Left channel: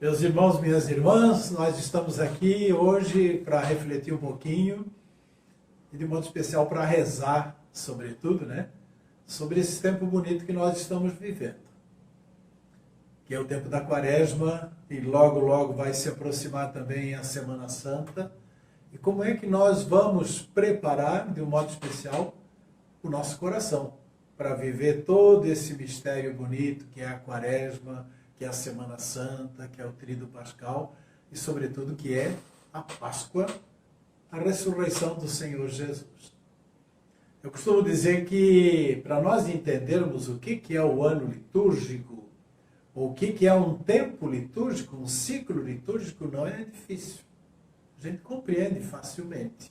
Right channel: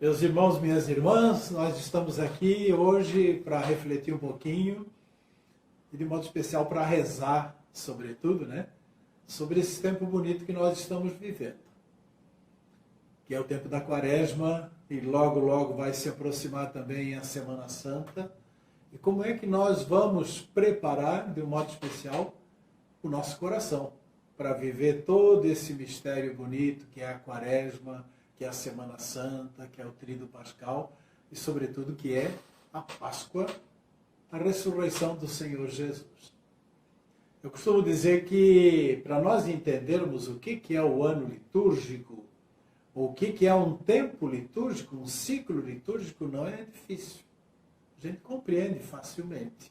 Meus irmãos, minhas irmãs, nós estamos aqui hoje para refletir um pouquinho e de modo especial para rezar, sobretudo, sobre esse tempo bonito que nós estamos vivendo, que é o tempo da Quaresma e logo vai se aproximar também a Semana Santa. E como é que nós vamos preparar, de um modo especial, o nosso coração para viver todo esse mistério bonito que é a Quaresma, que é a Semana Santa, que é o Tríduo Pascal e, sobretudo, que é a Páscoa, a ressurreição do Senhor Jesus. Eu costumo dizer que, para nós entendermos o que é o ano litúrgico, ou o que é um tempo litúrgico, um ciclo litúrgico, não é difícil. A gente compreende facilmente.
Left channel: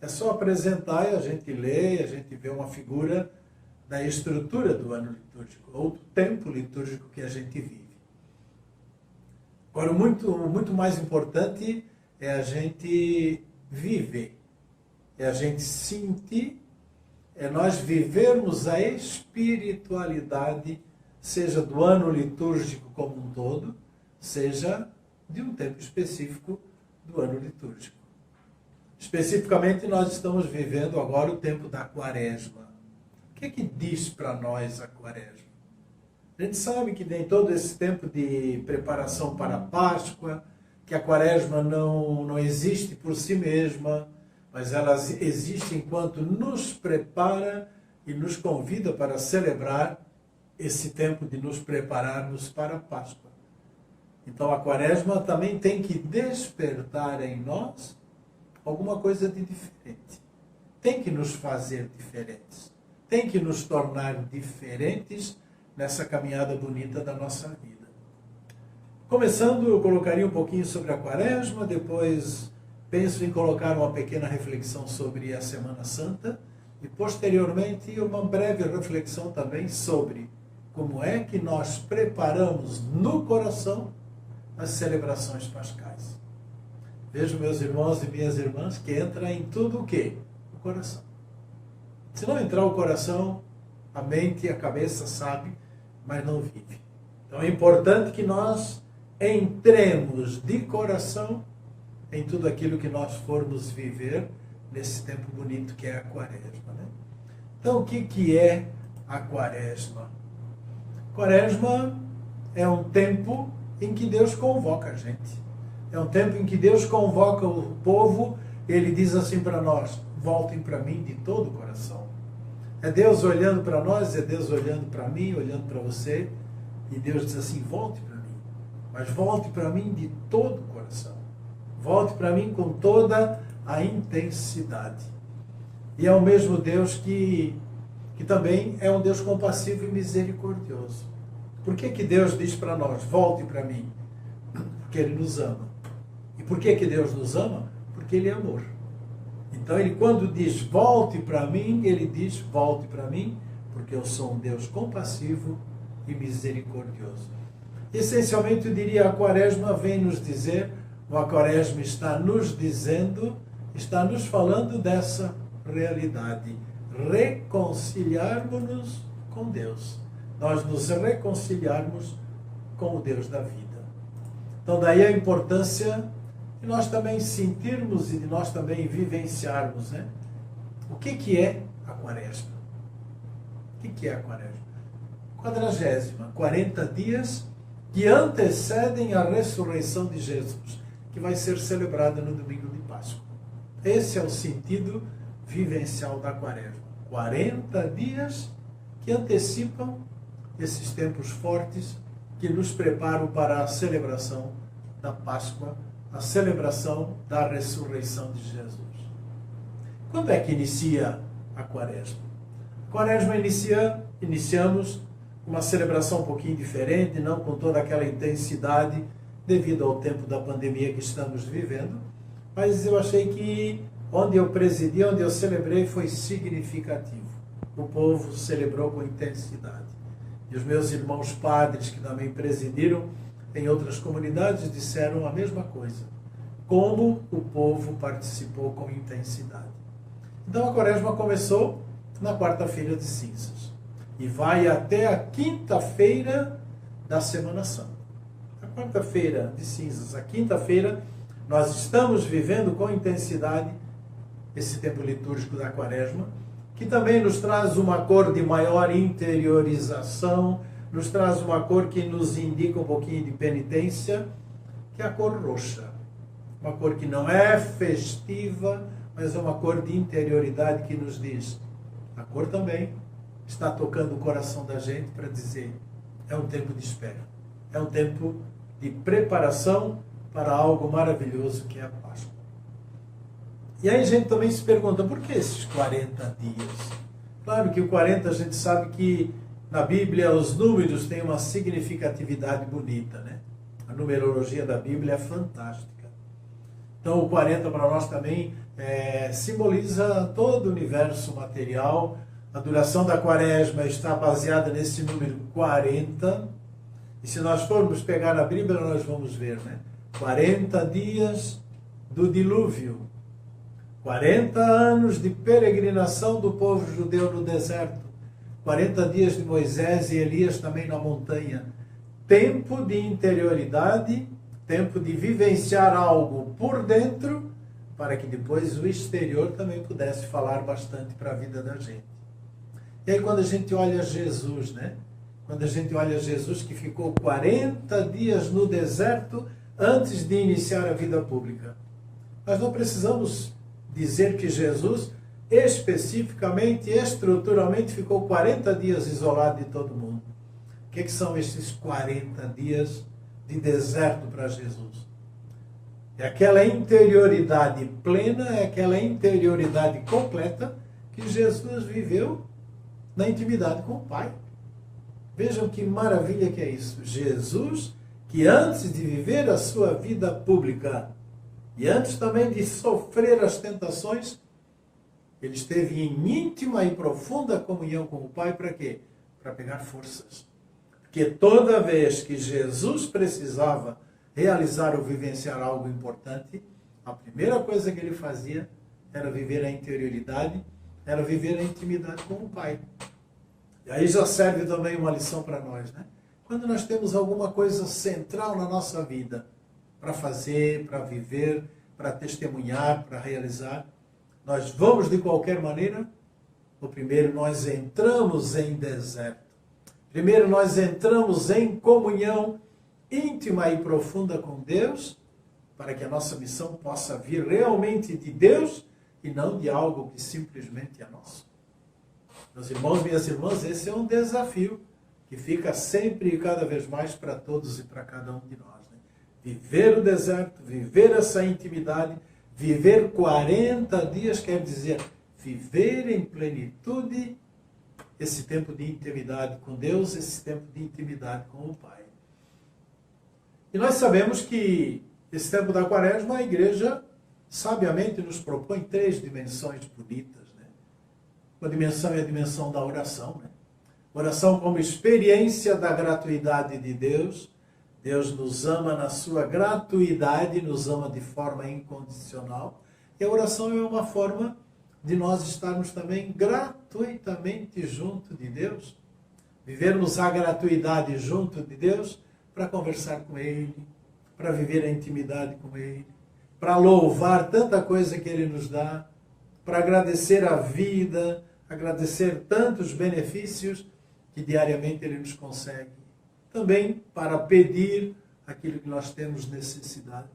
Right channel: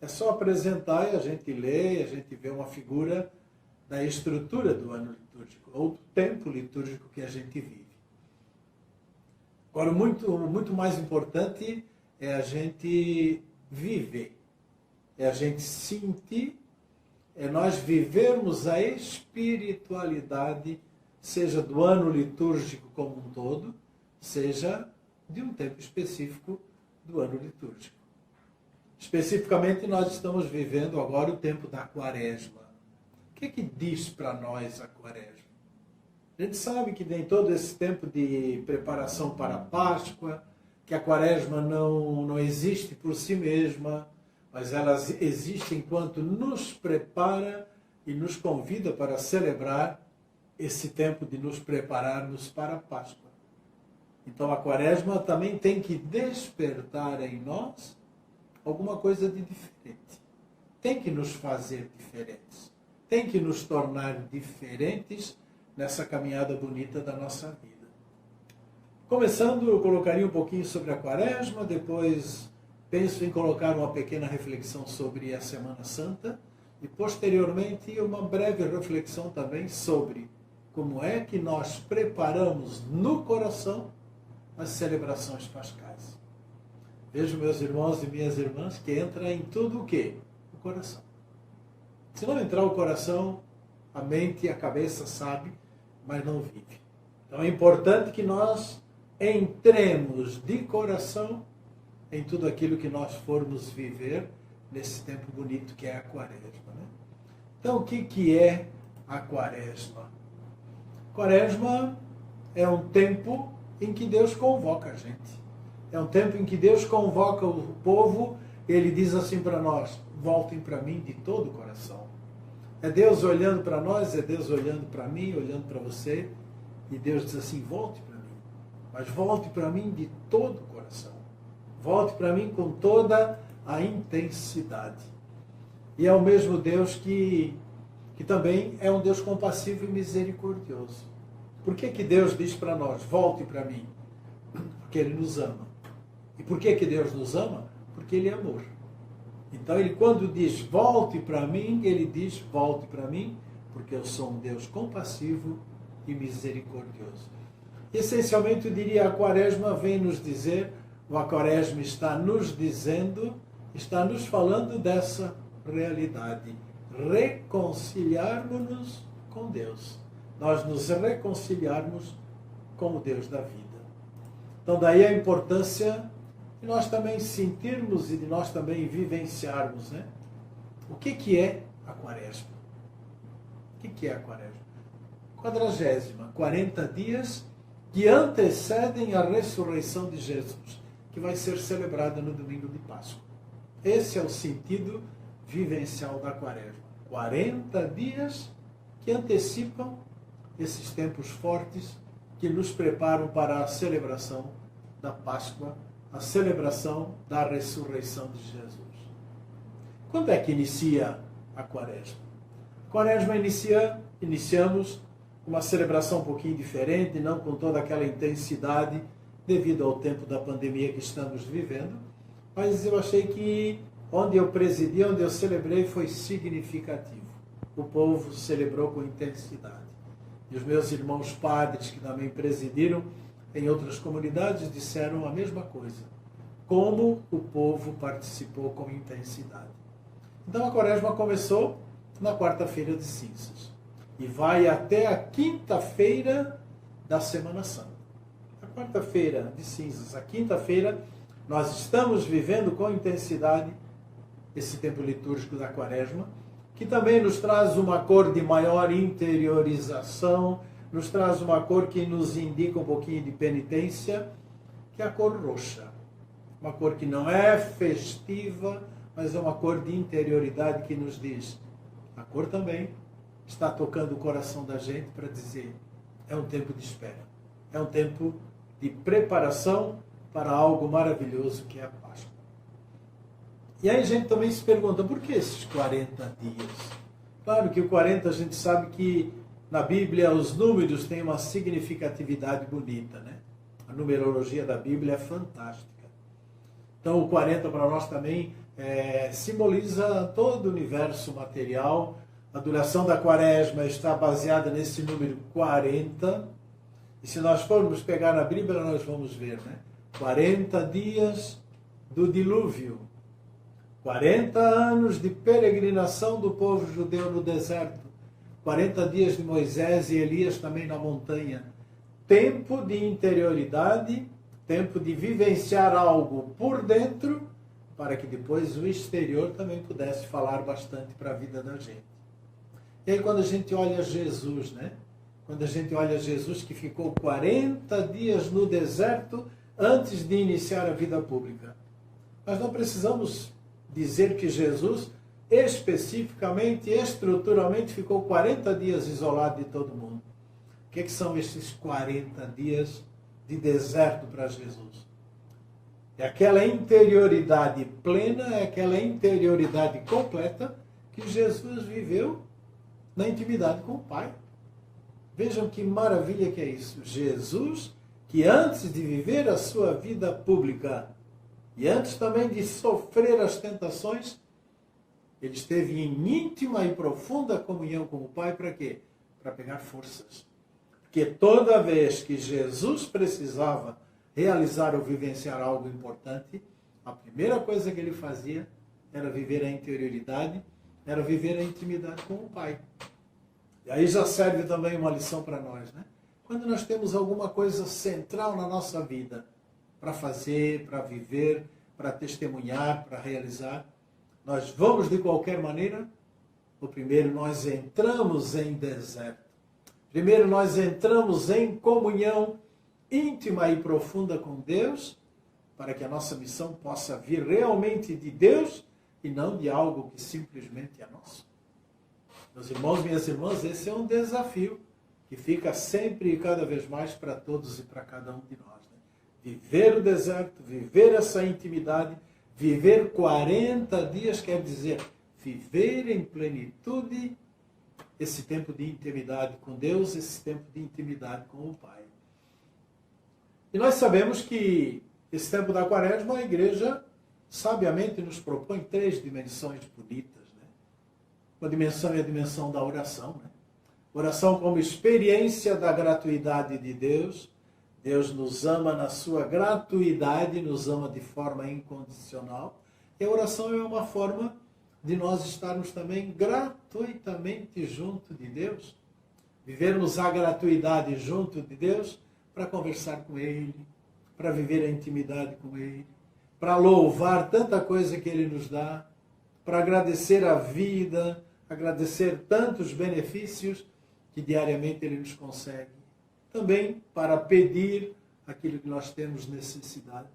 É só apresentar e a gente lê, a gente vê uma figura da estrutura do ano litúrgico, ou do tempo litúrgico que a gente vive. Agora, muito mais importante é a gente viver, é a gente sentir, é nós vivermos a espiritualidade, seja do ano litúrgico como um todo, seja de um tempo específico do ano litúrgico. Especificamente, nós estamos vivendo agora o tempo da Quaresma. O que diz para nós a Quaresma? A gente sabe que tem todo esse tempo de preparação para a Páscoa, que a Quaresma não existe por si mesma, mas ela existe enquanto nos prepara e nos convida para celebrar esse tempo de nos prepararmos para a Páscoa. Então a Quaresma também tem que despertar em nós alguma coisa de diferente. Tem que nos fazer diferentes. Tem que nos tornar diferentes nessa caminhada bonita da nossa vida. Começando, eu colocaria um pouquinho sobre a Quaresma, depois penso em colocar uma pequena reflexão sobre a Semana Santa e, posteriormente, uma breve reflexão também sobre como é que nós preparamos no coração as celebrações pascais. Vejo, meus irmãos e minhas irmãs, que entra em tudo o quê? O coração. Se não entrar o coração, a mente e a cabeça sabe, mas não vive. Então é importante que nós entremos de coração em tudo aquilo que nós formos viver nesse tempo bonito que é a Quaresma. Então, o que é a Quaresma? Quaresma é um tempo em que Deus convoca a gente. É um tempo em que Deus convoca o povo e Ele diz assim para nós: voltem para mim de todo o coração. É Deus olhando para nós, é Deus olhando para mim, olhando para você, e Deus diz assim: volte para mim, mas volte para mim de todo o coração. Volte para mim com toda a intensidade. E é o mesmo Deus que também é um Deus compassivo e misericordioso. Por que Deus diz para nós: volte para mim? Porque Ele nos ama. E por que Deus nos ama? Porque Ele é amor. Então, Ele, quando diz volte para mim, Ele diz volte para mim, porque eu sou um Deus compassivo e misericordioso. Essencialmente, eu diria, a Quaresma vem nos dizer, a Quaresma está nos dizendo, está nos falando dessa realidade. Reconciliarmos-nos com Deus. Nós nos reconciliarmos com o Deus da vida. Então, daí a importância de nós também sentirmos e de nós também vivenciarmos, o que é a Quaresma? O que é a Quaresma? 40ª, 40 dias que antecedem a ressurreição de Jesus, que vai ser celebrada no domingo de Páscoa. Esse é o sentido vivencial da Quaresma. 40 dias que antecipam esses tempos fortes que nos preparam para a celebração da Páscoa, a celebração da ressurreição de Jesus. Quando é que inicia a Quaresma? A Quaresma iniciamos uma celebração um pouquinho diferente, não com toda aquela intensidade devido ao tempo da pandemia que estamos vivendo, mas eu achei que onde eu presidi, onde eu celebrei, foi significativo. O povo celebrou com intensidade. E os meus irmãos padres, que também presidiram em outras comunidades, disseram a mesma coisa. Como o povo participou com intensidade. Então a Quaresma começou na quarta-feira de cinzas e vai até a quinta-feira da Semana Santa. A quarta-feira de cinzas, a quinta-feira, nós estamos vivendo com intensidade esse tempo litúrgico da Quaresma, que também nos traz uma cor de maior interiorização, nos traz uma cor que nos indica um pouquinho de penitência, que é a cor roxa. Uma cor que não é festiva, mas é uma cor de interioridade que nos diz. A cor também está tocando o coração da gente para dizer, é um tempo de espera. É um tempo de preparação para algo maravilhoso que é a Páscoa. E aí a gente também se pergunta, por que esses 40 dias? Claro que o 40 a gente sabe que na Bíblia os números têm uma significatividade bonita, né? A numerologia da Bíblia é fantástica. Então o 40 para nós também simboliza todo o universo material. A duração da Quaresma está baseada nesse número 40. E se nós formos pegar na Bíblia, nós vamos ver, né? 40 dias do dilúvio. 40 anos de peregrinação do povo judeu no deserto. 40 dias de Moisés e Elias também na montanha. Tempo de interioridade, tempo de vivenciar algo por dentro, para que depois o exterior também pudesse falar bastante para a vida da gente. E aí quando a gente olha Jesus, né? Quando a gente olha Jesus que ficou 40 dias no deserto antes de iniciar a vida pública. Nós não precisamos dizer que Jesus especificamente, estruturalmente, ficou 40 dias isolado de todo mundo. O que são esses 40 dias de deserto para Jesus? É aquela interioridade plena, é aquela interioridade completa que Jesus viveu na intimidade com o Pai. Vejam que maravilha que é isso. Jesus, que antes de viver a sua vida pública e antes também de sofrer as tentações, ele esteve em íntima e profunda comunhão com o Pai para quê? Para pegar forças. Porque toda vez que Jesus precisava realizar ou vivenciar algo importante, a primeira coisa que ele fazia era viver a interioridade, era viver a intimidade com o Pai. E aí já serve também uma lição para nós, né? Quando nós temos alguma coisa central na nossa vida, para fazer, para viver, para testemunhar, para realizar, nós vamos de qualquer maneira? Ou primeiro nós entramos em deserto. Primeiro nós entramos em comunhão íntima e profunda com Deus, para que a nossa missão possa vir realmente de Deus e não de algo que simplesmente é nosso. Meus irmãos, minhas irmãs, esse é um desafio que fica sempre e cada vez mais para todos e para cada um de nós. Né? Viver o deserto, viver essa intimidade, viver 40 dias quer dizer viver em plenitude esse tempo de intimidade com Deus, esse tempo de intimidade com o Pai. E nós sabemos que esse tempo da Quaresma, a Igreja sabiamente nos propõe 3 dimensões bonitas. Né? Uma dimensão é a dimensão da oração. Né? Oração como experiência da gratuidade de Deus. Deus nos ama na sua gratuidade, nos ama de forma incondicional. E a oração é uma forma de nós estarmos também gratuitamente junto de Deus. Vivermos a gratuidade junto de Deus para conversar com Ele, para viver a intimidade com Ele, para louvar tanta coisa que Ele nos dá, para agradecer a vida, agradecer tantos benefícios que diariamente Ele nos concede. Também para pedir aquilo que nós temos necessidade.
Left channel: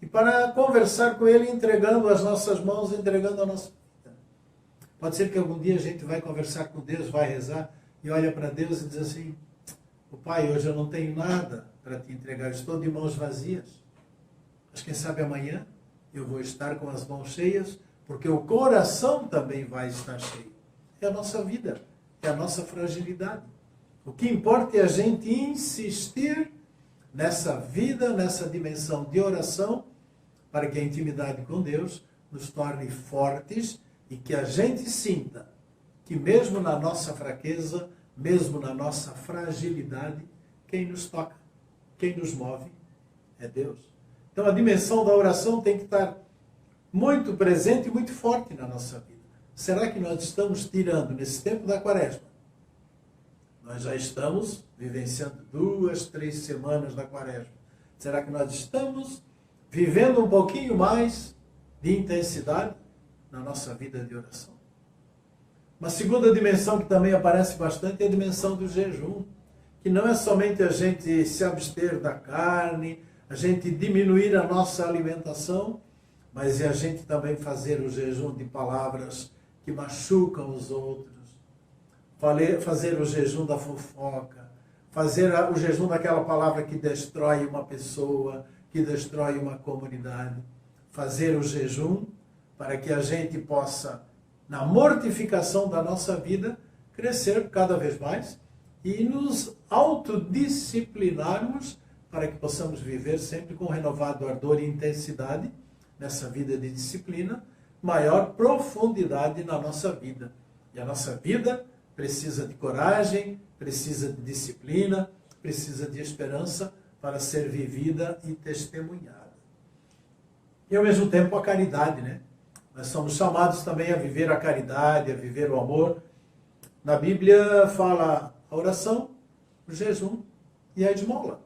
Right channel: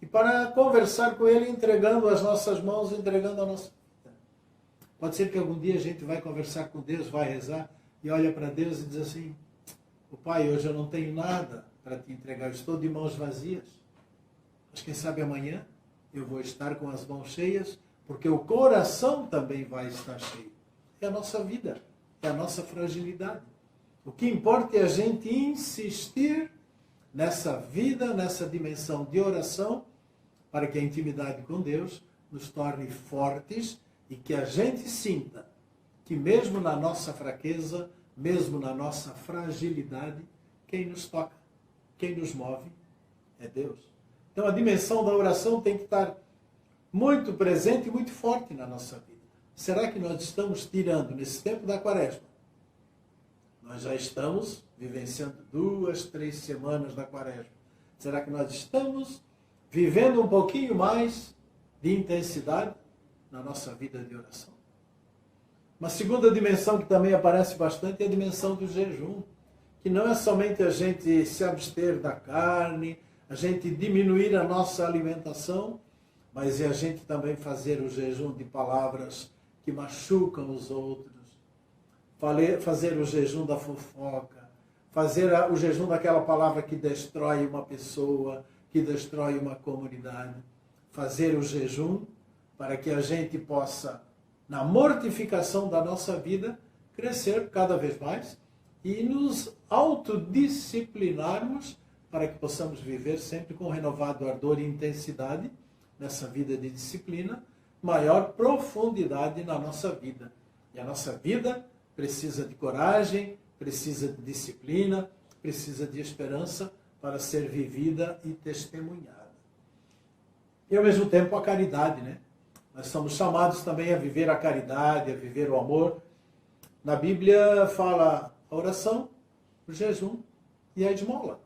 E para conversar com Ele entregando as nossas mãos, entregando a nossa vida. Pode ser que algum dia a gente vai conversar com Deus, vai rezar e olha para Deus e diz assim: "O Pai, hoje eu não tenho nada para te entregar, estou de mãos vazias. Mas quem sabe amanhã eu vou estar com as mãos cheias, porque o coração também vai estar cheio." É a nossa vida, é a nossa fragilidade. O que importa é a gente insistir nessa vida, nessa dimensão de oração, para que a intimidade com Deus nos torne fortes e que a gente sinta que mesmo na nossa fraqueza, mesmo na nossa fragilidade, quem nos toca, quem nos move é Deus. Então a dimensão da oração tem que estar muito presente e muito forte na nossa vida. Será que nós estamos tirando, nesse tempo da Quaresma, nós já estamos vivenciando 2, 3 semanas da Quaresma, Será que nós estamos vivendo um pouquinho mais de intensidade na nossa vida de oração? Uma segunda dimensão que também aparece bastante é a dimensão do jejum, que não é somente a gente se abster da carne, a gente diminuir a nossa alimentação, mas é a gente também fazer o jejum de palavras que machucam os outros, fazer o jejum da fofoca, fazer o jejum daquela palavra que destrói uma pessoa, que destrói uma comunidade. Fazer o jejum para que a gente possa, na mortificação da nossa vida, crescer cada vez mais e nos autodisciplinarmos para que possamos viver sempre com renovado ardor e intensidade nessa vida de disciplina, maior profundidade na nossa vida. E a nossa vida precisa de coragem, precisa de disciplina, precisa de esperança para ser vivida e testemunhada. E ao mesmo tempo a caridade, né? Nós somos chamados também a viver a caridade, a viver o amor. Na Bíblia fala a oração, o jejum e a esmola.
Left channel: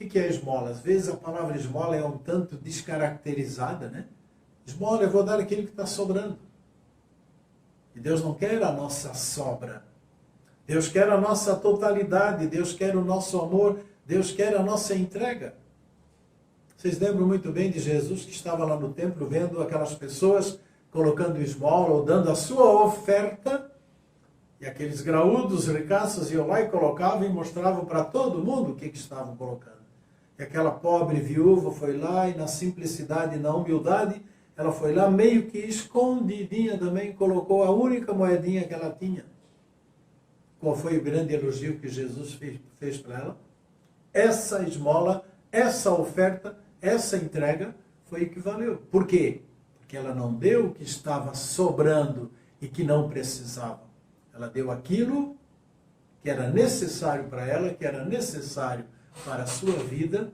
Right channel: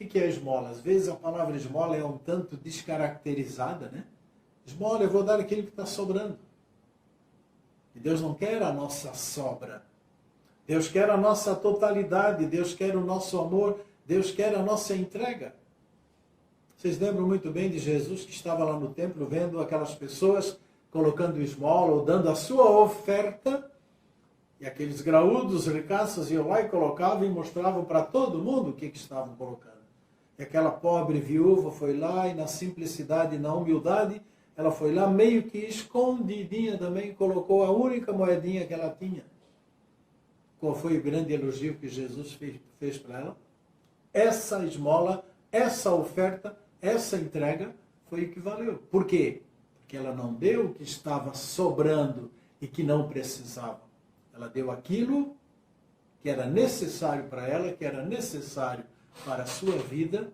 O que é a esmola? Às vezes a palavra esmola é um tanto descaracterizada, né? Esmola, eu vou dar aquilo que está sobrando. E Deus não quer a nossa sobra. Deus quer a nossa totalidade, Deus quer o nosso amor, Deus quer a nossa entrega. Vocês lembram muito bem de Jesus que estava lá no templo vendo aquelas pessoas colocando esmola ou dando a sua oferta, e aqueles graúdos, ricaços iam lá e colocavam e mostravam para todo mundo o que estavam colocando. E aquela pobre viúva foi lá e na simplicidade e na humildade, ela foi lá meio que escondidinha também, colocou a única moedinha que ela tinha. Qual foi o grande elogio que Jesus fez para ela? Essa esmola, essa oferta, essa entrega foi o que valeu. Por quê? Porque ela não deu o que estava sobrando e que não precisava. Ela deu aquilo que era necessário para ela, que era necessário para a sua vida,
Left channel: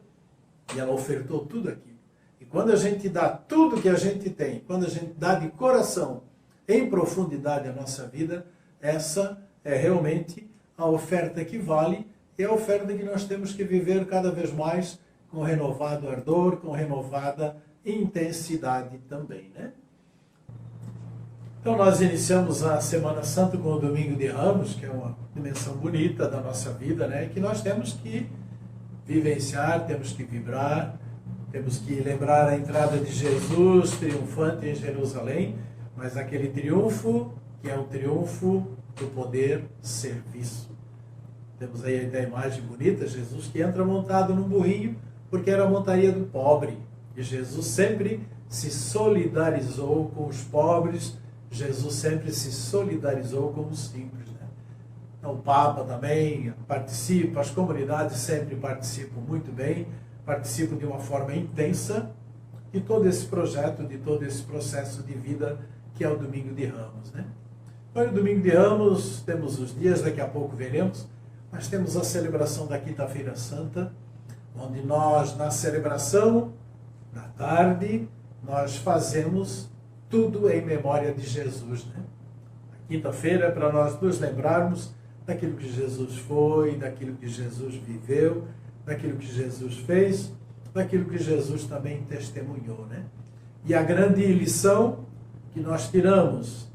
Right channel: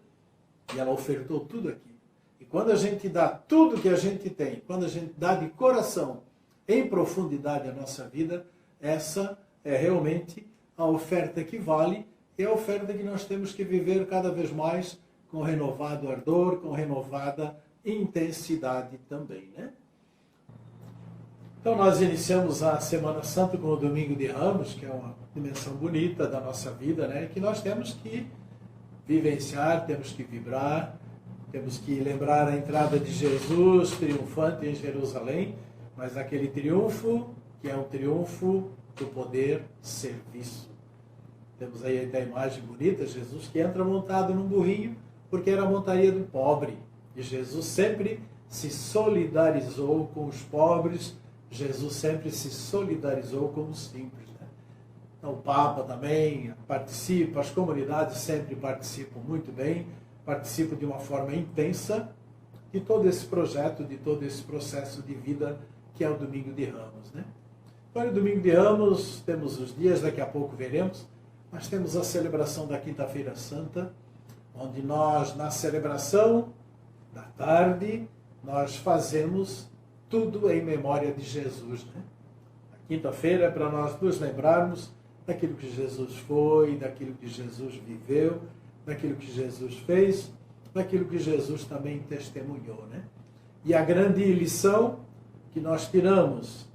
e ela ofertou tudo aquilo. E quando a gente dá tudo que a gente tem, quando a gente dá de coração, em profundidade a nossa vida, essa é realmente a oferta que vale, e a oferta que nós temos que viver cada vez mais com renovado ardor, com renovada intensidade também, né? Então nós iniciamos a Semana Santa com o Domingo de Ramos, que é uma dimensão bonita da nossa vida, né? Que nós temos que vivenciar, temos que vibrar, temos que lembrar a entrada de Jesus triunfante em Jerusalém, mas aquele triunfo que é um triunfo do poder serviço. Temos aí a imagem bonita, Jesus que entra montado num burrinho, porque era a montaria do pobre. E Jesus sempre se solidarizou com os pobres, Jesus sempre se solidarizou com os simples. Né? Então, o Papa também participa, as comunidades sempre participam muito bem, participam de uma forma intensa de todo esse projeto, de todo esse processo de vida que é o Domingo de Ramos. Né? Para o Domingo de Ramos, temos os dias, daqui a pouco veremos, mas temos a celebração da Quinta-feira Santa, onde nós, na celebração, na tarde, nós fazemos tudo em memória de Jesus. Né? A quinta-feira é para nós nos lembrarmos daquilo que Jesus foi, daquilo que Jesus viveu, daquilo que Jesus fez, daquilo que Jesus também testemunhou. Né? E a grande lição que nós tiramos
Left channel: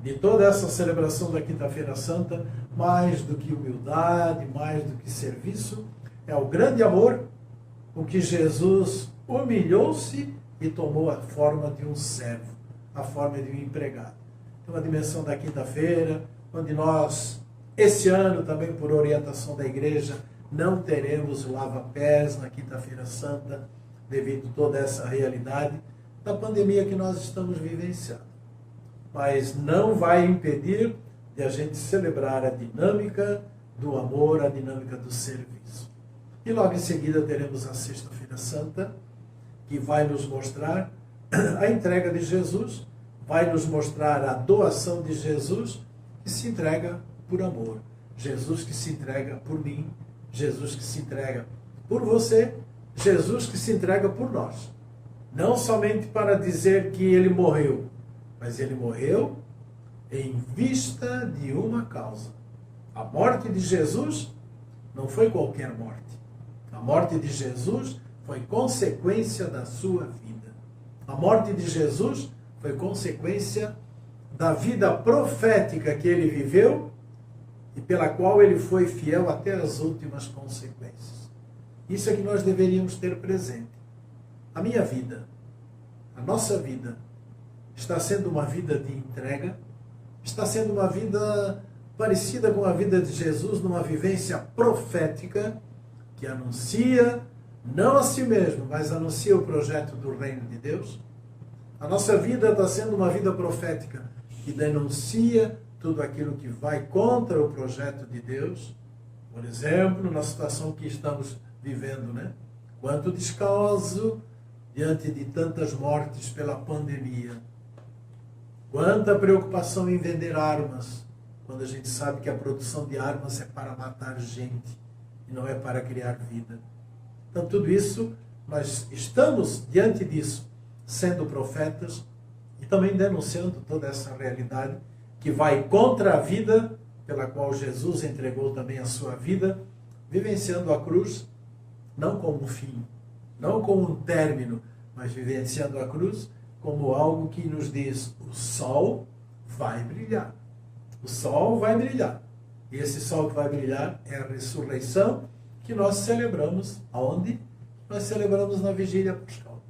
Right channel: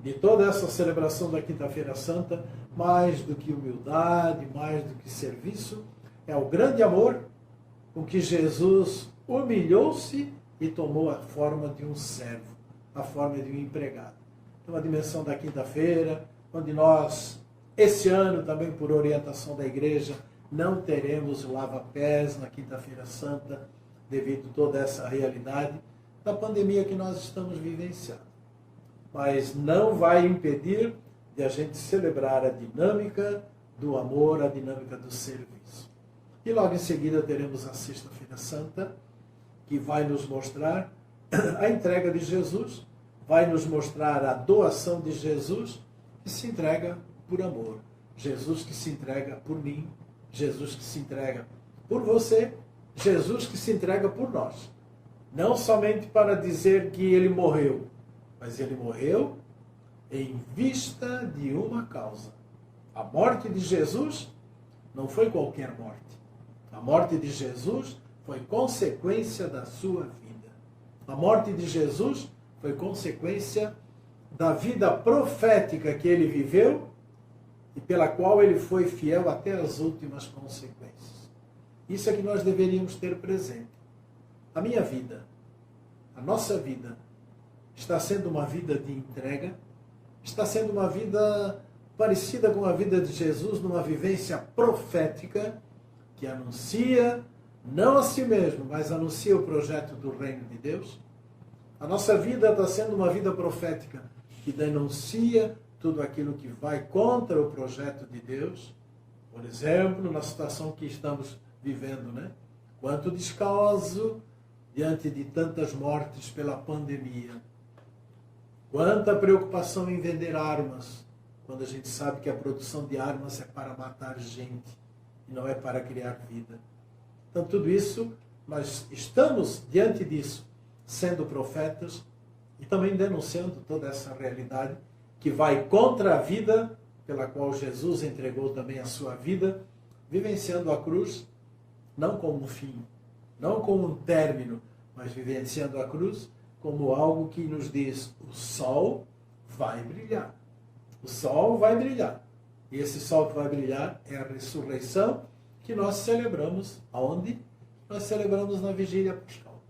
de toda essa celebração da Quinta-feira Santa, mais do que humildade, mais do que serviço, é o grande amor com que Jesus humilhou-se e tomou a forma de um servo, a forma de um empregado. Então, a dimensão da quinta-feira, onde nós, esse ano também por orientação da igreja, não teremos lava-pés na Quinta-feira Santa, devido a toda essa realidade da pandemia que nós estamos vivenciando. Mas não vai impedir de a gente celebrar a dinâmica do amor, a dinâmica do serviço. E logo em seguida teremos a Sexta-feira Santa, que vai nos mostrar a entrega de Jesus, vai nos mostrar a doação de Jesus, que se entrega por amor. Jesus que se entrega por mim, Jesus que se entrega por você, Jesus que se entrega por nós. Não somente para dizer que ele morreu, mas ele morreu em vista de uma causa. A morte de Jesus não foi qualquer morte. A morte de Jesus foi consequência da sua vida. A morte de Jesus foi consequência da vida profética que ele viveu e pela qual ele foi fiel até as últimas consequências. Isso é que nós deveríamos ter presente. A minha vida, a nossa vida, está sendo uma vida de entrega, está sendo uma vida parecida com a vida de Jesus, numa vivência profética que anuncia, não a si mesmo, mas anuncia o projeto do reino de Deus. A nossa vida está sendo uma vida profética que denuncia tudo aquilo que vai contra o projeto de Deus. Por exemplo, na situação que estamos vivendo, né? Quanto descaso diante de tantas mortes pela pandemia. Quanta preocupação em vender armas, quando a gente sabe que a produção de armas é para matar gente e não é para criar vida. Então, tudo isso, nós estamos diante disso, sendo profetas e também denunciando toda essa realidade que vai contra a vida pela qual Jesus entregou também a sua vida, vivenciando a cruz, não como um fim, não como um término, mas vivenciando a cruz como algo que nos diz: o sol vai brilhar. O sol vai brilhar. E esse sol que vai brilhar é a ressurreição que nós celebramos. Aonde? Nós celebramos na Vigília Pascal.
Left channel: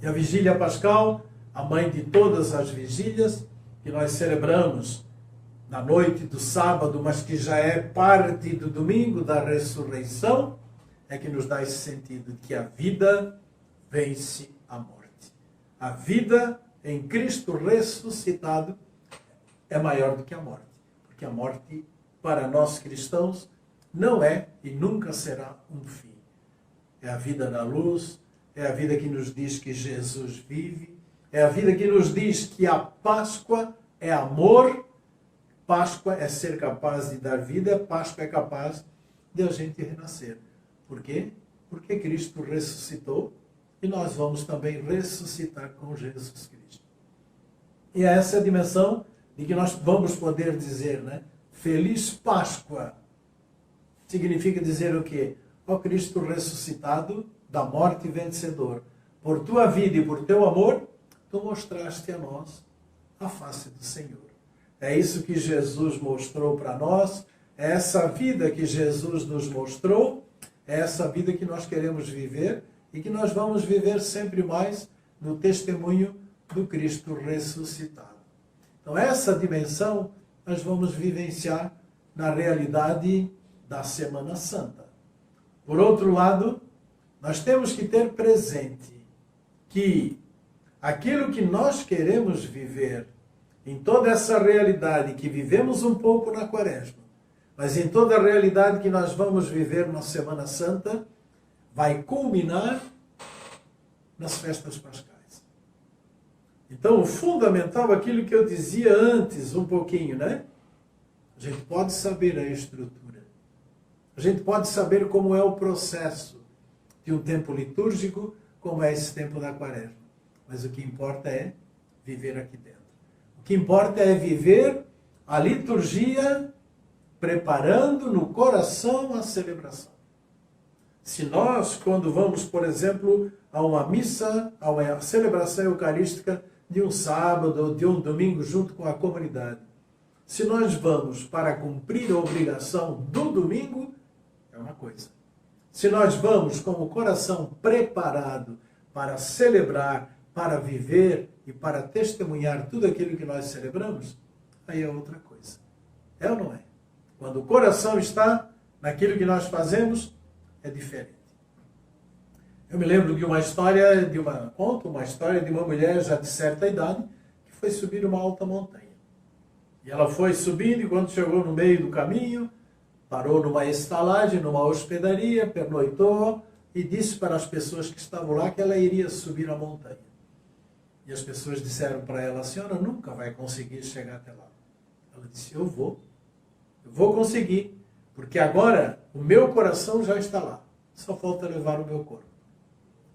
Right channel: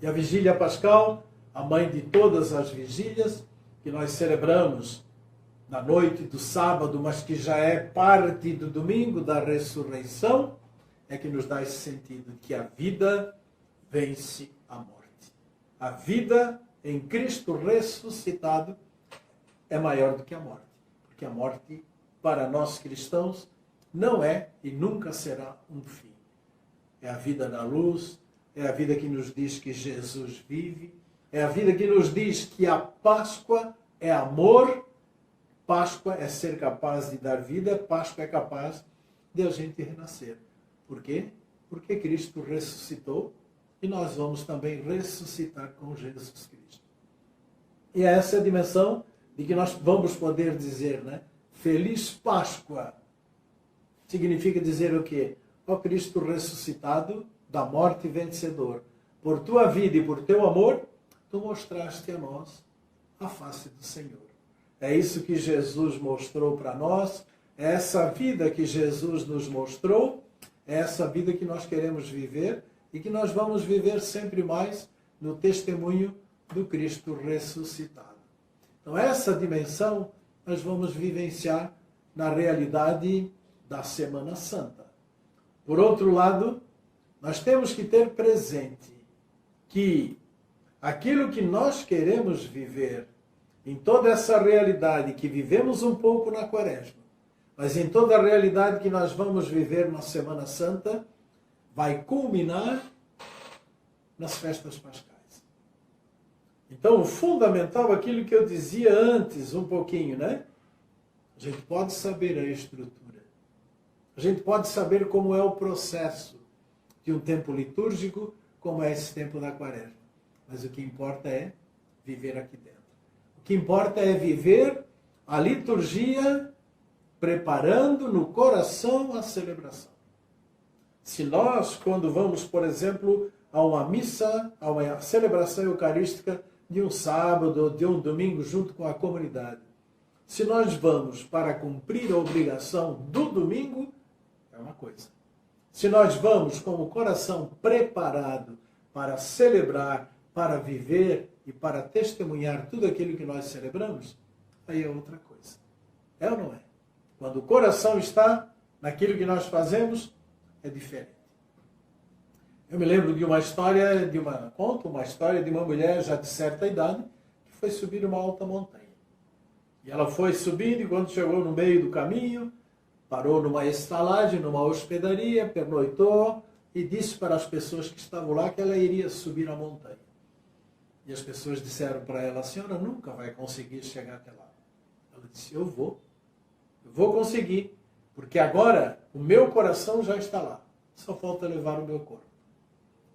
E a Vigília Pascal, a mãe de todas as vigílias, que nós celebramos na noite do sábado, mas que já é parte do domingo da ressurreição, é que nos dá esse sentido que a vida vence a morte. A vida em Cristo ressuscitado é maior do que a morte. Porque a morte, para nós cristãos, não é e nunca será um fim. É a vida da luz, é a vida que nos diz que Jesus vive, é a vida que nos diz que a Páscoa é amor, Páscoa é ser capaz de dar vida, Páscoa é capaz de a gente renascer. Por quê? Porque Cristo ressuscitou e nós vamos também ressuscitar com Jesus Cristo. E é essa a dimensão de que nós vamos poder dizer, né? Feliz Páscoa. Significa dizer o quê? Ó Cristo ressuscitado, da morte vencedor. Por tua vida e por teu amor, tu mostraste a nós a face do Senhor. É isso que Jesus mostrou para nós, é essa vida que Jesus nos mostrou, é essa vida que nós queremos viver e que nós vamos viver sempre mais no testemunho do Cristo ressuscitado. Então, essa dimensão nós vamos vivenciar na realidade da Semana Santa. Por outro lado, nós temos que ter presente que aquilo que nós queremos viver em toda essa realidade que vivemos um pouco na Quaresma, mas em toda a realidade que nós vamos viver na Semana Santa, vai culminar nas festas pascais. Então, o fundamental, aquilo que eu dizia antes, um pouquinho, né? A gente pode saber a estrutura. A gente pode saber como é o processo de um tempo litúrgico, como é esse tempo da Quaresma. Mas o que importa é viver aqui dentro. O que importa é viver a liturgia preparando no coração a celebração. Se nós, quando vamos, por exemplo, a uma missa, a uma celebração eucarística de um sábado ou de um domingo junto com a comunidade, se nós vamos para cumprir a obrigação do domingo, é uma coisa. Se nós vamos com o coração preparado para celebrar, para viver e para testemunhar tudo aquilo que nós celebramos, aí é outra coisa. É ou não é? Quando o coração está naquilo que nós fazemos, é diferente. Eu me lembro de uma história, conto uma história de uma mulher já de certa idade que foi subir uma alta montanha. E ela foi subindo e quando chegou no meio do caminho, parou numa estalagem, numa hospedaria, pernoitou e disse para as pessoas que estavam lá que ela iria subir a montanha. E as pessoas disseram para ela: a senhora nunca vai conseguir chegar até lá. Ela disse: eu vou conseguir, porque agora o meu coração já está lá, só falta levar o meu corpo.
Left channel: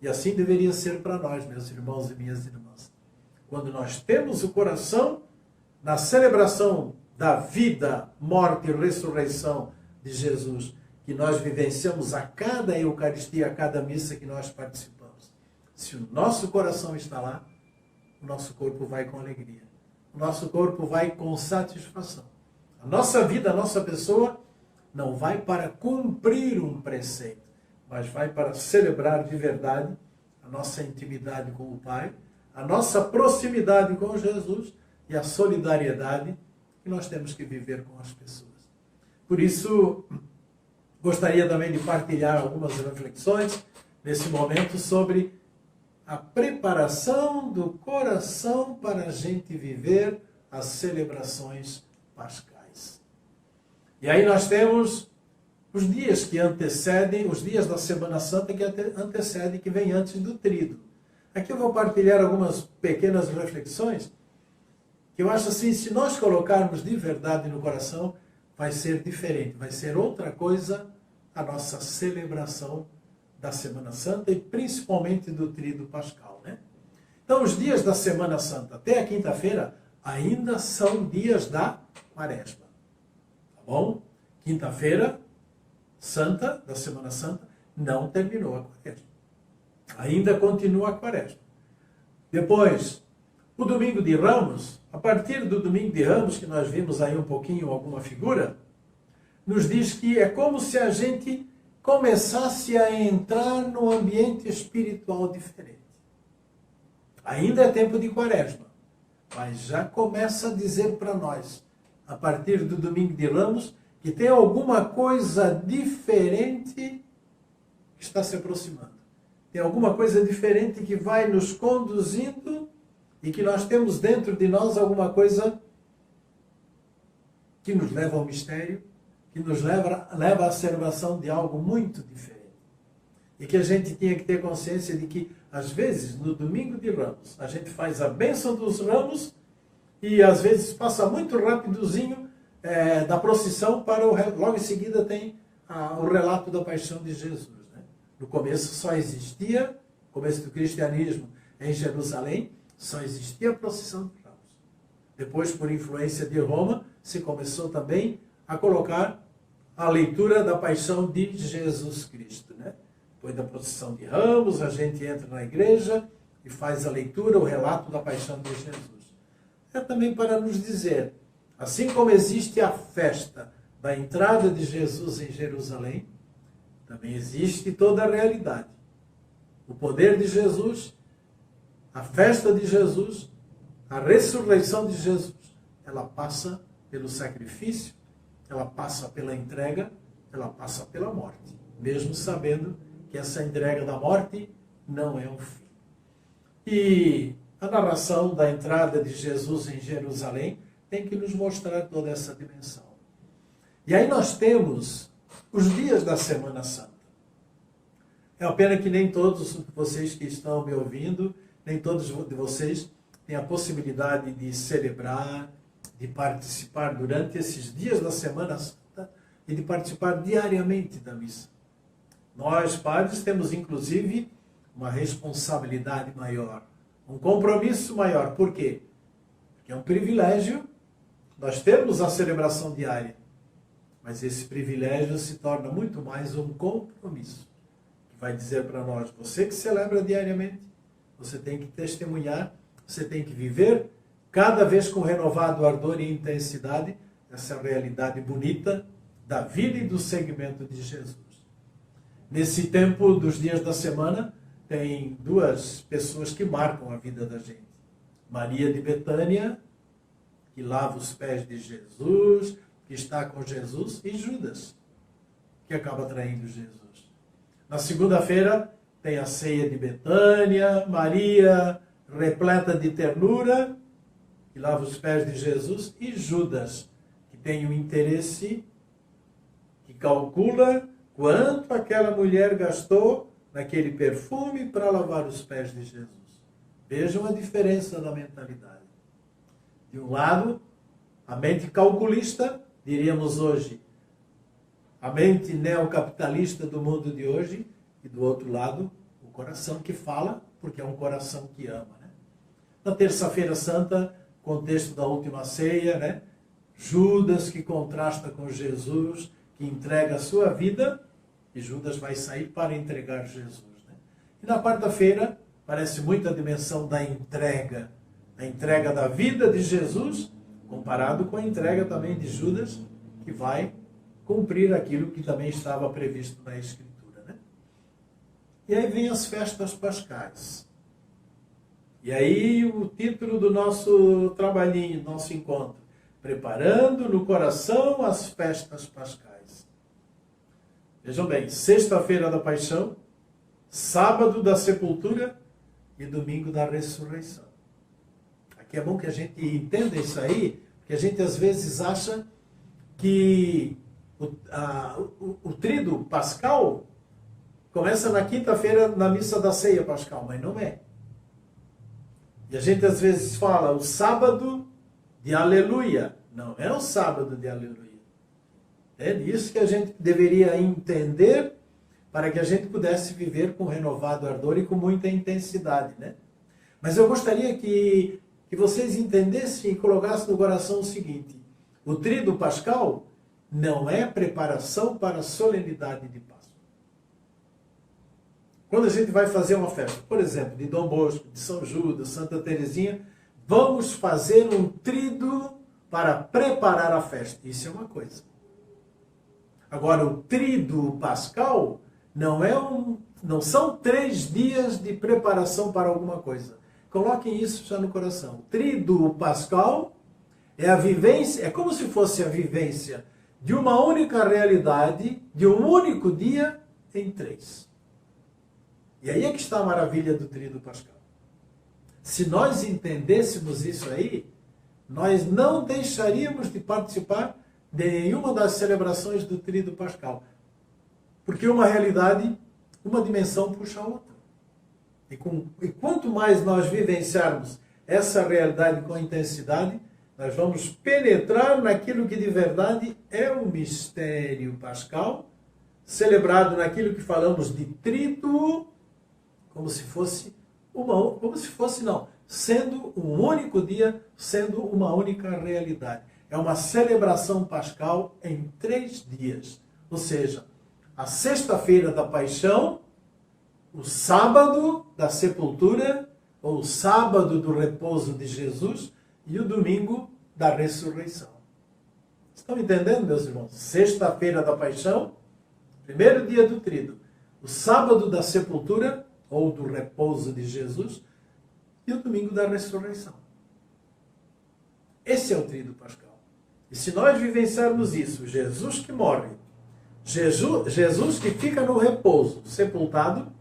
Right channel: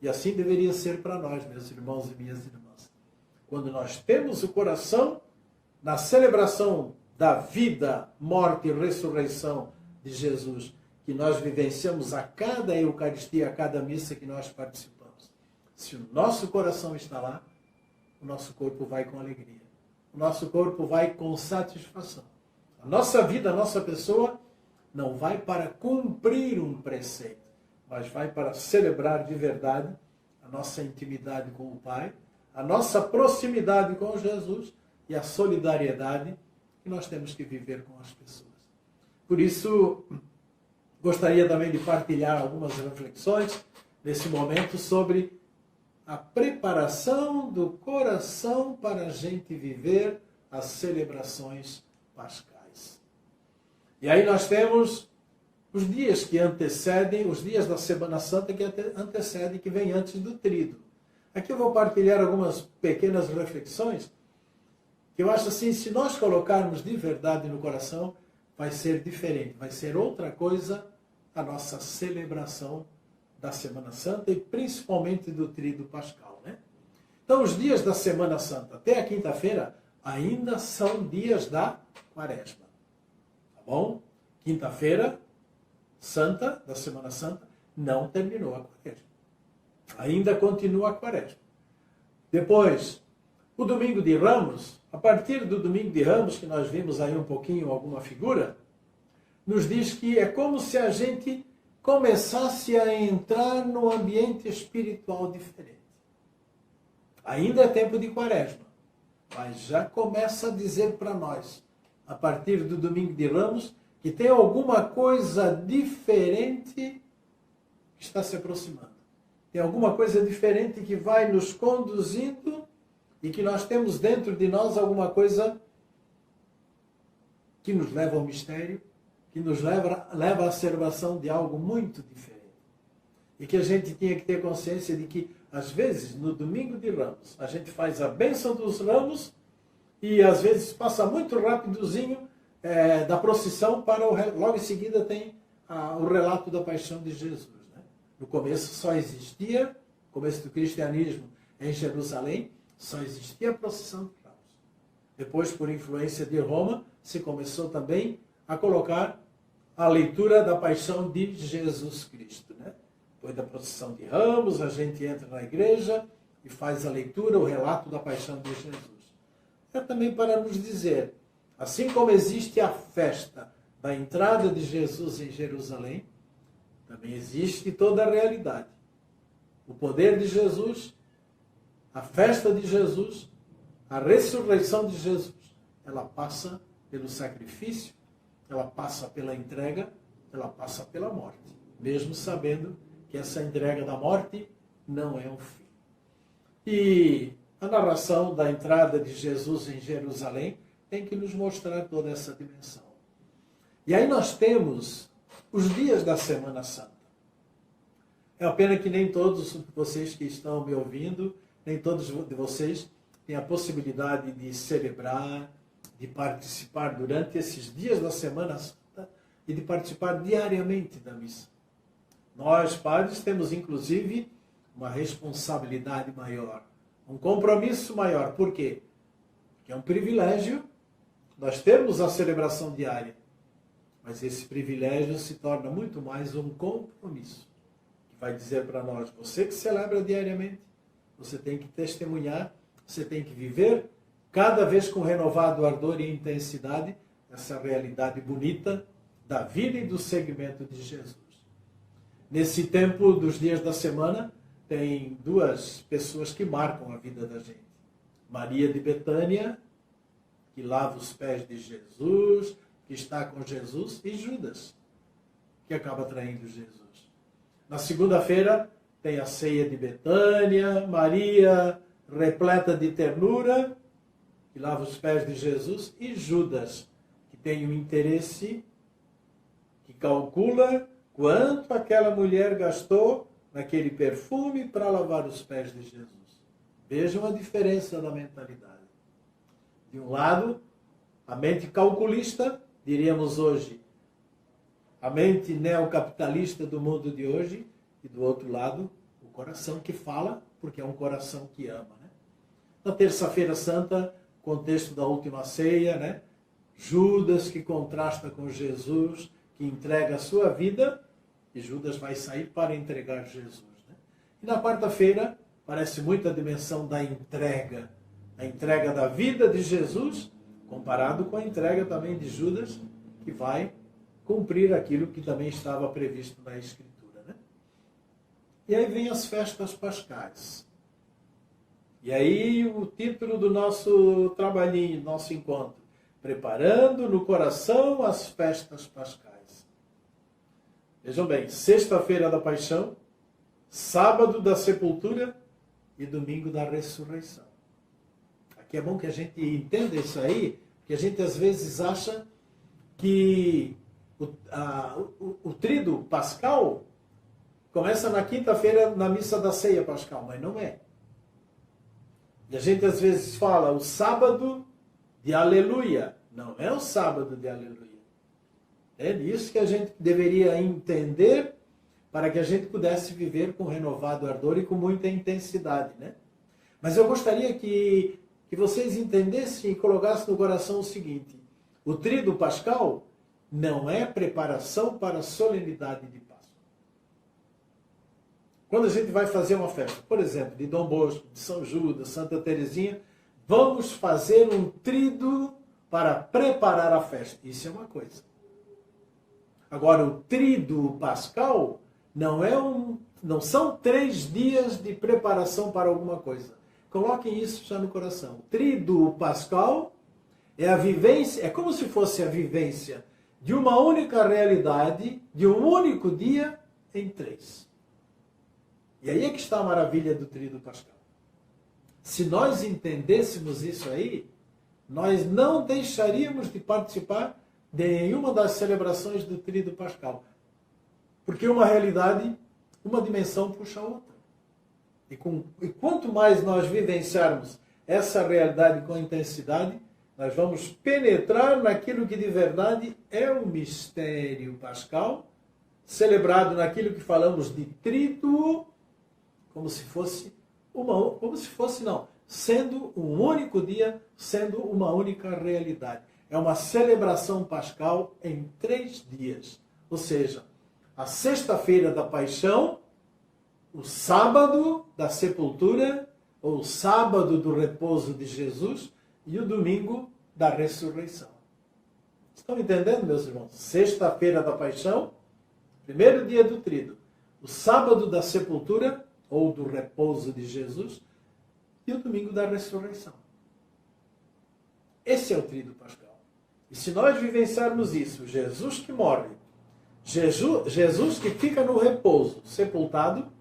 E assim deveria ser para nós, meus irmãos e minhas irmãs. Quando nós temos o coração na celebração da vida, morte e ressurreição de Jesus, que nós vivenciamos a cada Eucaristia, a cada missa que nós participamos. Se o nosso coração está lá, o nosso corpo vai com alegria. O nosso corpo vai com satisfação. A nossa vida, a nossa pessoa, não vai para cumprir um preceito, mas vai para celebrar de verdade a nossa intimidade com o Pai, a nossa proximidade com Jesus e a solidariedade que nós temos que viver com as pessoas. Por isso, gostaria também de partilhar algumas reflexões nesse momento sobre a preparação do coração para a gente viver as celebrações pascais. E aí nós temos os dias que antecedem, os dias da Semana Santa que antecedem, que vem antes do Tríduo. Aqui eu vou partilhar algumas pequenas reflexões que eu acho assim, se nós colocarmos de verdade no coração, vai ser diferente, vai ser outra coisa a nossa celebração da Semana Santa e principalmente do Tríduo Pascal, né? Então, os dias da Semana Santa até a quinta-feira ainda são dias da Quaresma. Tá bom? Quinta-feira Santa, da Semana Santa, não terminou a Quaresma. Ainda continua a Quaresma. Depois, o Domingo de Ramos, a partir do Domingo de Ramos, que nós vimos aí um pouquinho alguma figura, nos diz que é como se a gente começasse a entrar num ambiente espiritual diferente. Ainda é tempo de Quaresma, mas já começa a dizer para nós, a partir do Domingo de Ramos, que tem alguma coisa diferente que está se aproximando. Tem alguma coisa diferente que vai nos conduzindo e que nós temos dentro de nós alguma coisa que nos leva ao mistério, que nos leva à celebração de algo muito diferente. E que a gente tinha que ter consciência de que, às vezes, no Domingo de Ramos, a gente faz a bênção dos ramos e, às vezes, passa muito rapidozinho da procissão para logo em seguida tem o relato da paixão de Jesus. Né? No começo só existia, no começo do cristianismo em Jerusalém, só existia a procissão de ramos. Depois, por influência de Roma, se começou também a colocar a leitura da paixão de Jesus Cristo. Né? Depois da procissão de ramos, a gente entra na igreja e faz a leitura, o relato da paixão de Jesus. É também para nos dizer, assim como existe a festa da entrada de Jesus em Jerusalém, também existe toda a realidade. O poder de Jesus, a festa de Jesus, a ressurreição de Jesus, ela passa pelo sacrifício, ela passa pela entrega, ela passa pela morte. Mesmo sabendo que essa entrega da morte não é um fim. E a narração da entrada de Jesus em Jerusalém tem que nos mostrar toda essa dimensão. E aí nós temos os dias da Semana Santa. É uma pena que nem todos vocês que estão me ouvindo, nem todos de vocês têm a possibilidade de celebrar, de participar durante esses dias da Semana Santa e de participar diariamente da missa. Nós, padres, temos inclusive uma responsabilidade maior, um compromisso maior. Por quê? Porque é um privilégio nós termos a celebração diária, mas esse privilégio se torna muito mais um compromisso. Vai dizer para nós, você que celebra diariamente, você tem que testemunhar, você tem que viver cada vez com renovado ardor e intensidade essa realidade bonita da vida e do seguimento de Jesus. Nesse tempo dos dias da semana, tem duas pessoas que marcam a vida da gente. Maria de Betânia, que lava os pés de Jesus, que está com Jesus, e Judas, que acaba traindo Jesus. Na segunda-feira, tem a ceia de Betânia, Maria, repleta de ternura, que lava os pés de Jesus, e Judas, que tem um interesse, que calcula quanto aquela mulher gastou naquele perfume para lavar os pés de Jesus. Vejam a diferença da mentalidade. De um lado, a mente calculista, diríamos hoje, a mente neocapitalista do mundo de hoje, e do outro lado, o coração que fala, porque é um coração que ama. Né? Na terça-feira santa, contexto da última ceia, né? Judas que contrasta com Jesus, que que entrega a sua vida, e Judas vai sair para entregar Jesus. Né? E na quarta-feira, parece muito a dimensão da entrega. A entrega da vida de Jesus, comparado com a entrega também de Judas, que vai cumprir aquilo que também estava previsto na Escritura. Né? E aí vem as festas pascais. E aí o título do nosso trabalhinho, do nosso encontro, preparando no coração as festas pascais. Vejam bem, sexta-feira da paixão, sábado da sepultura e domingo da ressurreição. Aqui é bom que a gente entenda isso aí, porque a gente às vezes acha que o tríduo pascal começa na quinta-feira na missa da ceia pascal, mas não é. E a gente às vezes fala o sábado de aleluia. Não é o sábado de aleluia. É disso que a gente deveria entender para que a gente pudesse viver com renovado ardor e com muita intensidade, né? Mas eu gostaria que vocês entendessem e colocassem no coração o seguinte: o tríduo pascal não é preparação para a solenidade de Páscoa. Quando a gente vai fazer uma festa, por exemplo, de Dom Bosco, de São Judas, Santa Teresinha, vamos fazer um tríduo para preparar a festa. Isso é uma coisa. Agora, o tríduo pascal não são 3 dias de preparação para alguma coisa. Coloquem isso já no coração. O tríduo pascal é a vivência, é como se fosse a vivência de uma única realidade, de um único dia em 3. E aí é que está a maravilha do tríduo pascal. Se nós entendêssemos isso aí, nós não deixaríamos de participar de nenhuma das celebrações do tríduo pascal. Porque uma realidade, uma dimensão puxa a outra. E quanto mais nós vivenciarmos essa realidade com intensidade, nós vamos penetrar naquilo que de verdade é o mistério pascal, celebrado naquilo que falamos de tríduo, sendo um único dia, sendo uma única realidade. É uma celebração pascal em 3 dias. Ou seja, a sexta-feira da paixão, o sábado da sepultura, ou o sábado do repouso de Jesus, e o domingo da ressurreição. Estão entendendo, meus irmãos? Sexta-feira da paixão, primeiro dia do tríduo, o sábado da sepultura, ou do repouso de Jesus, e o domingo da ressurreição. Esse é o tríduo pascal. E se nós vivenciarmos isso, Jesus que morre, Jesus que fica no repouso, sepultado,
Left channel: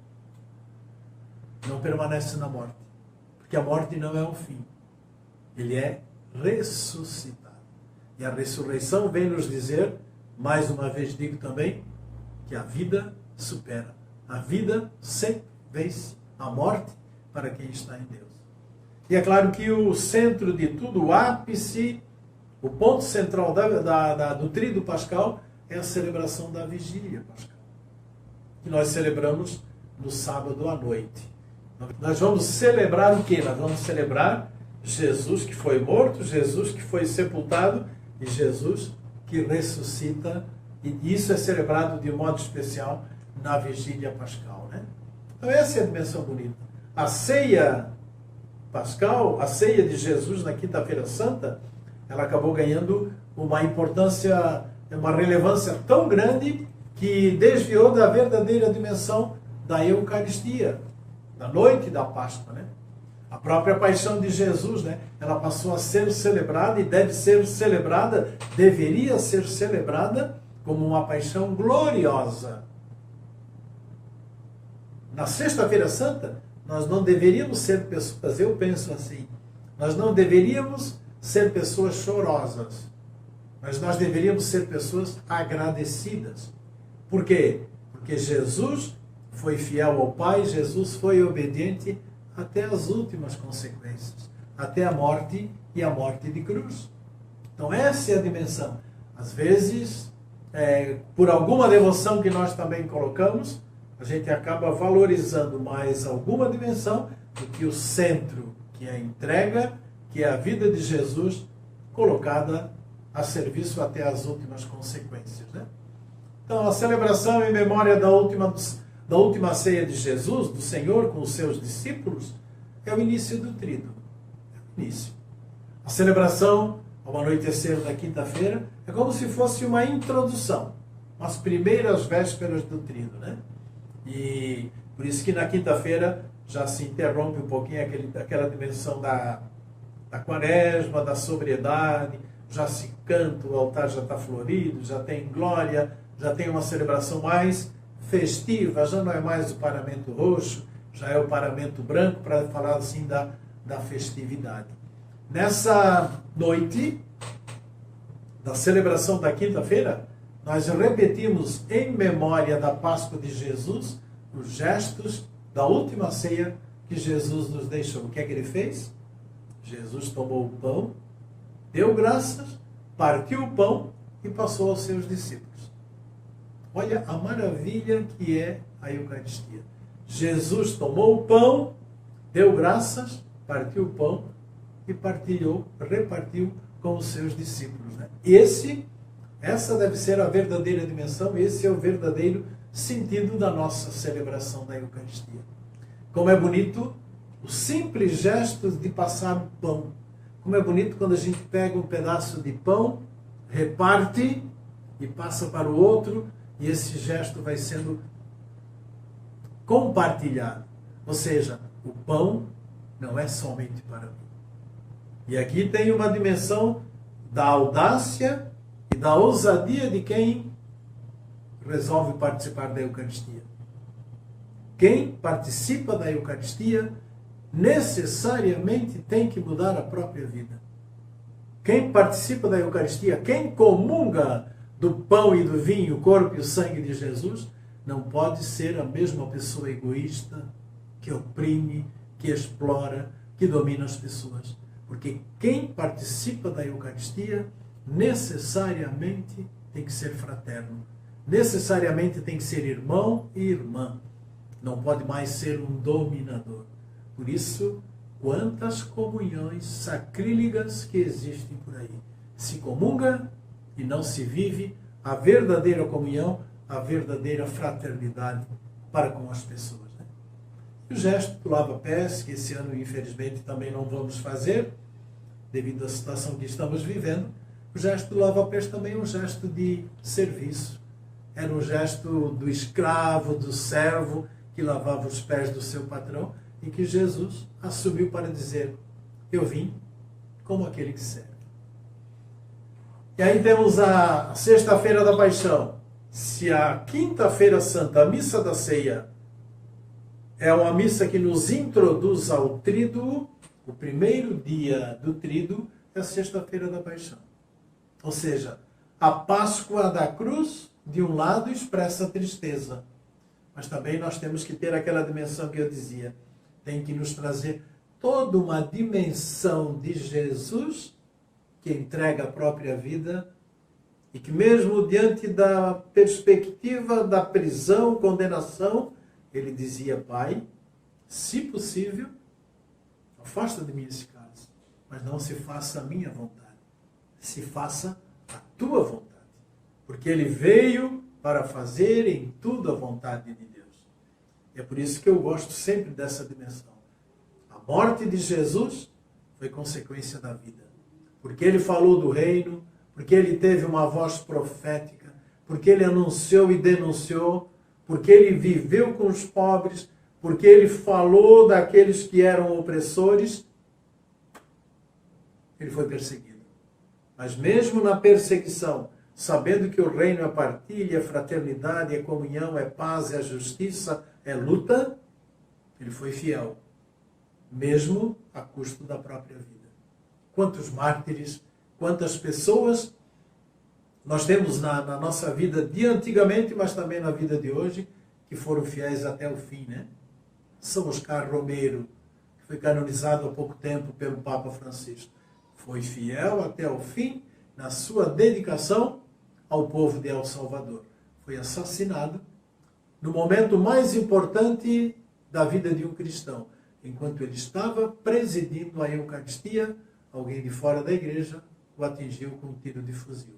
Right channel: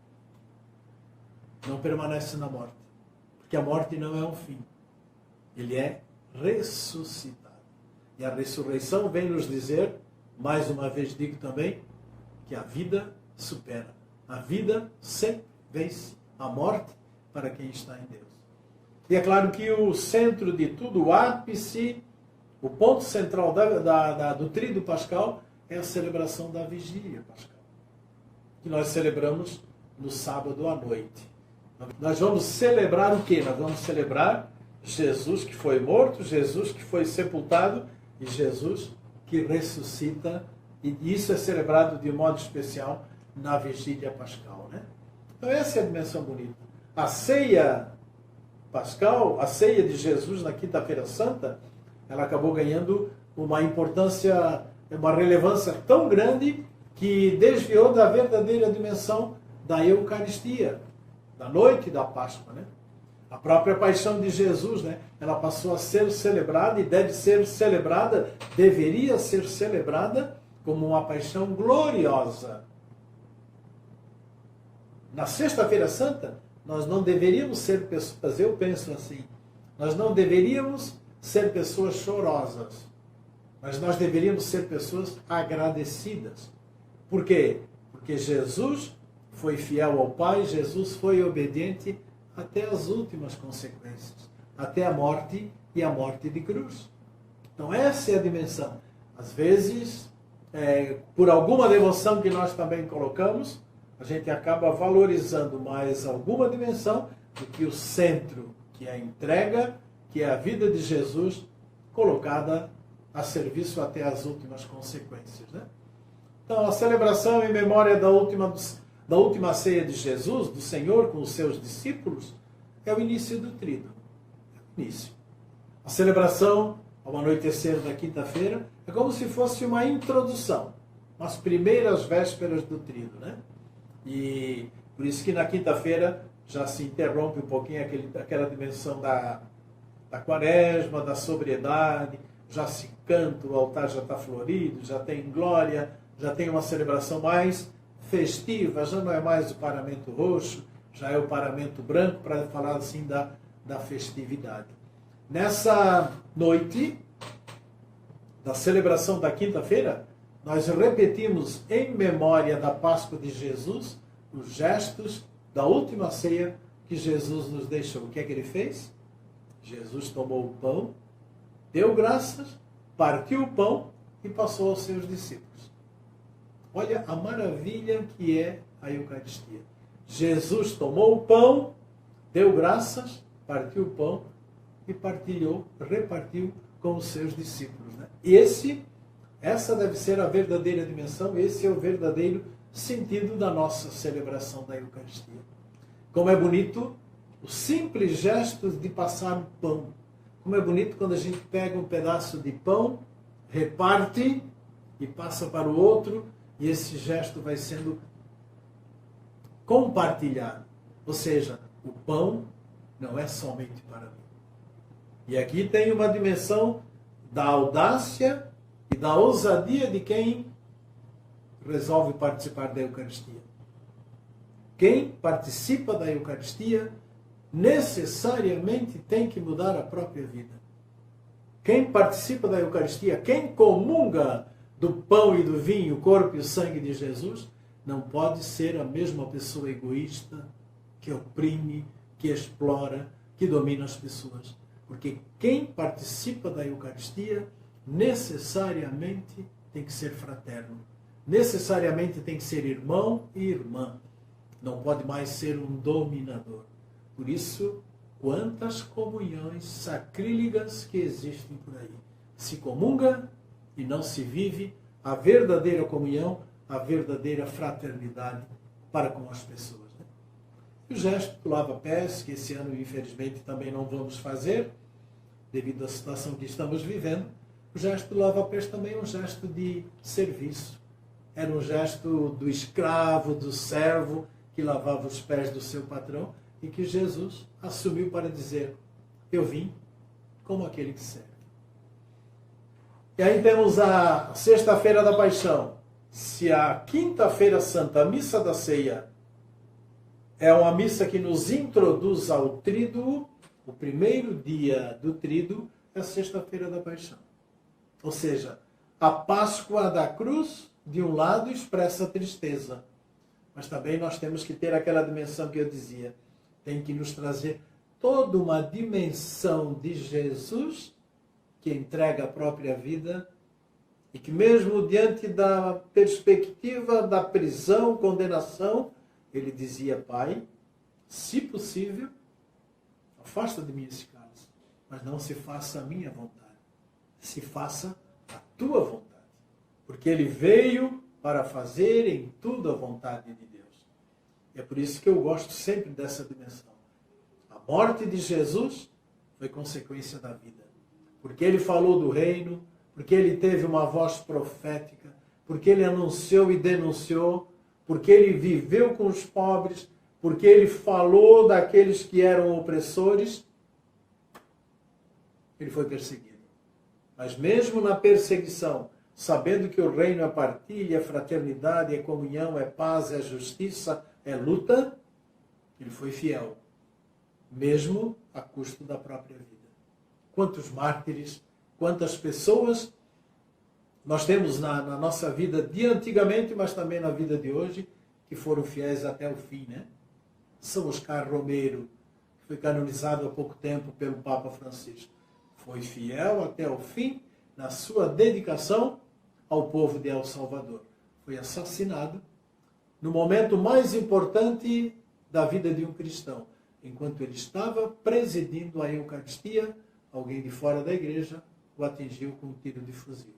não permanece na morte. Porque a morte não é um fim. Ele é ressuscitado. E a ressurreição vem nos dizer, mais uma vez digo também, que a vida supera. A vida sempre vence a morte para quem está em Deus. E é claro que o centro de tudo, o ápice, o ponto central do tríduo pascal é a celebração da vigília pascal, que nós celebramos no sábado à noite. Nós vamos celebrar o quê? Nós vamos celebrar Jesus que foi morto, Jesus que foi sepultado e Jesus que ressuscita. E isso é celebrado de um modo especial na vigília pascal, né? Então essa é a dimensão bonita. A ceia pascal, a ceia de Jesus na quinta-feira santa, ela acabou ganhando uma importância, uma relevância tão grande que desviou da verdadeira dimensão da Eucaristia, da noite da Páscoa, né? A própria paixão de Jesus, né? Ela passou a ser celebrada e deveria ser celebrada como uma paixão gloriosa. Na sexta-feira santa, nós não deveríamos ser pessoas, eu penso assim, nós não deveríamos ser pessoas chorosas, mas nós deveríamos ser pessoas agradecidas. Por quê? Porque Jesus foi fiel ao Pai, Jesus foi obediente até as últimas consequências, até a morte e a morte de cruz. Então essa é a dimensão. Às vezes, por alguma devoção que nós também colocamos, a gente acaba valorizando mais alguma dimensão do que o centro, que é a entrega, que é a vida de Jesus colocada a serviço até as últimas consequências, né? Então, a celebração em memória da última ceia de Jesus, do Senhor, com os seus discípulos, é o início do tríduo. Início. A celebração, ao anoitecer da quinta-feira, é como se fosse uma introdução, as primeiras vésperas do tríduo, né? E por isso que na quinta-feira já se interrompe um pouquinho aquela dimensão da quaresma, da sobriedade, já se canta, o altar já está florido, já tem glória, já tem uma celebração mais festiva, já não é mais o paramento roxo, já é o paramento branco, para falar assim da festividade. Nessa noite da celebração da quinta-feira, nós repetimos em memória da Páscoa de Jesus os gestos da última ceia que Jesus nos deixou. O que é que ele fez? Jesus tomou o pão, deu graças, partiu o pão e passou aos seus discípulos. Olha a maravilha que é a Eucaristia. Jesus tomou o pão, deu graças, partiu o pão e repartiu com os seus discípulos. Né? Essa deve ser a verdadeira dimensão, esse é o verdadeiro sentido da nossa celebração da Eucaristia. Como é bonito o simples gesto de passar o pão. Como é bonito quando a gente pega um pedaço de pão, reparte e passa para o outro, e esse gesto vai sendo compartilhado. Ou seja, o pão não é somente para mim. E aqui tem uma dimensão da audácia e da ousadia de quem resolve participar da Eucaristia. Quem participa da Eucaristia necessariamente tem que mudar a própria vida. Quem participa da Eucaristia, quem comunga do pão e do vinho, o corpo e o sangue de Jesus, não pode ser a mesma pessoa egoísta, que oprime, que explora, que domina as pessoas. Porque quem participa da Eucaristia necessariamente tem que ser fraterno. Necessariamente tem que ser irmão e irmã. Não pode mais ser um dominador. Por isso, quantas comunhões sacrílegas que existem por aí. Se comunga e não se vive a verdadeira comunhão, a verdadeira fraternidade para com as pessoas. Né? O gesto do lava-pés, que esse ano, infelizmente, também não vamos fazer, devido à situação que estamos vivendo, o gesto do lava-pés também é um gesto de serviço. Era um gesto do escravo, do servo, que lavava os pés do seu patrão, e que Jesus assumiu para dizer: eu vim como aquele que serve. E aí temos a Sexta-feira da Paixão. Se a Quinta-feira Santa, a Missa da Ceia, é uma missa que nos introduz ao tríduo, o primeiro dia do tríduo é a Sexta-feira da Paixão. Ou seja, a Páscoa da cruz, de um lado, expressa a tristeza. Mas também nós temos que ter aquela dimensão que eu dizia. Tem que nos trazer toda uma dimensão de Jesus que entrega a própria vida e que mesmo diante da perspectiva da prisão, condenação, ele dizia: Pai, se possível, afasta de mim esse cálice, mas não se faça a minha vontade, se faça a tua vontade. Porque ele veio para fazer em tudo a vontade de Deus. É por isso que eu gosto sempre dessa dimensão. A morte de Jesus foi consequência da vida. Porque ele falou do reino, porque ele teve uma voz profética, porque ele anunciou e denunciou, porque ele viveu com os pobres, porque ele falou daqueles que eram opressores, ele foi perseguido. Mas mesmo na perseguição, sabendo que o reino é partilha, é fraternidade, é comunhão, é paz, é justiça, é luta, ele foi fiel, mesmo a custo da própria vida. Quantos mártires, quantas pessoas nós temos na nossa vida de antigamente, mas também na vida de hoje, que foram fiéis até o fim, né? São Oscar Romero, que foi canonizado há pouco tempo pelo Papa Francisco. Foi fiel até o fim na sua dedicação ao povo de El Salvador. Foi assassinado no momento mais importante da vida de um cristão. Enquanto ele estava presidindo a Eucaristia, alguém de fora da igreja o atingiu com um tiro de fuzil.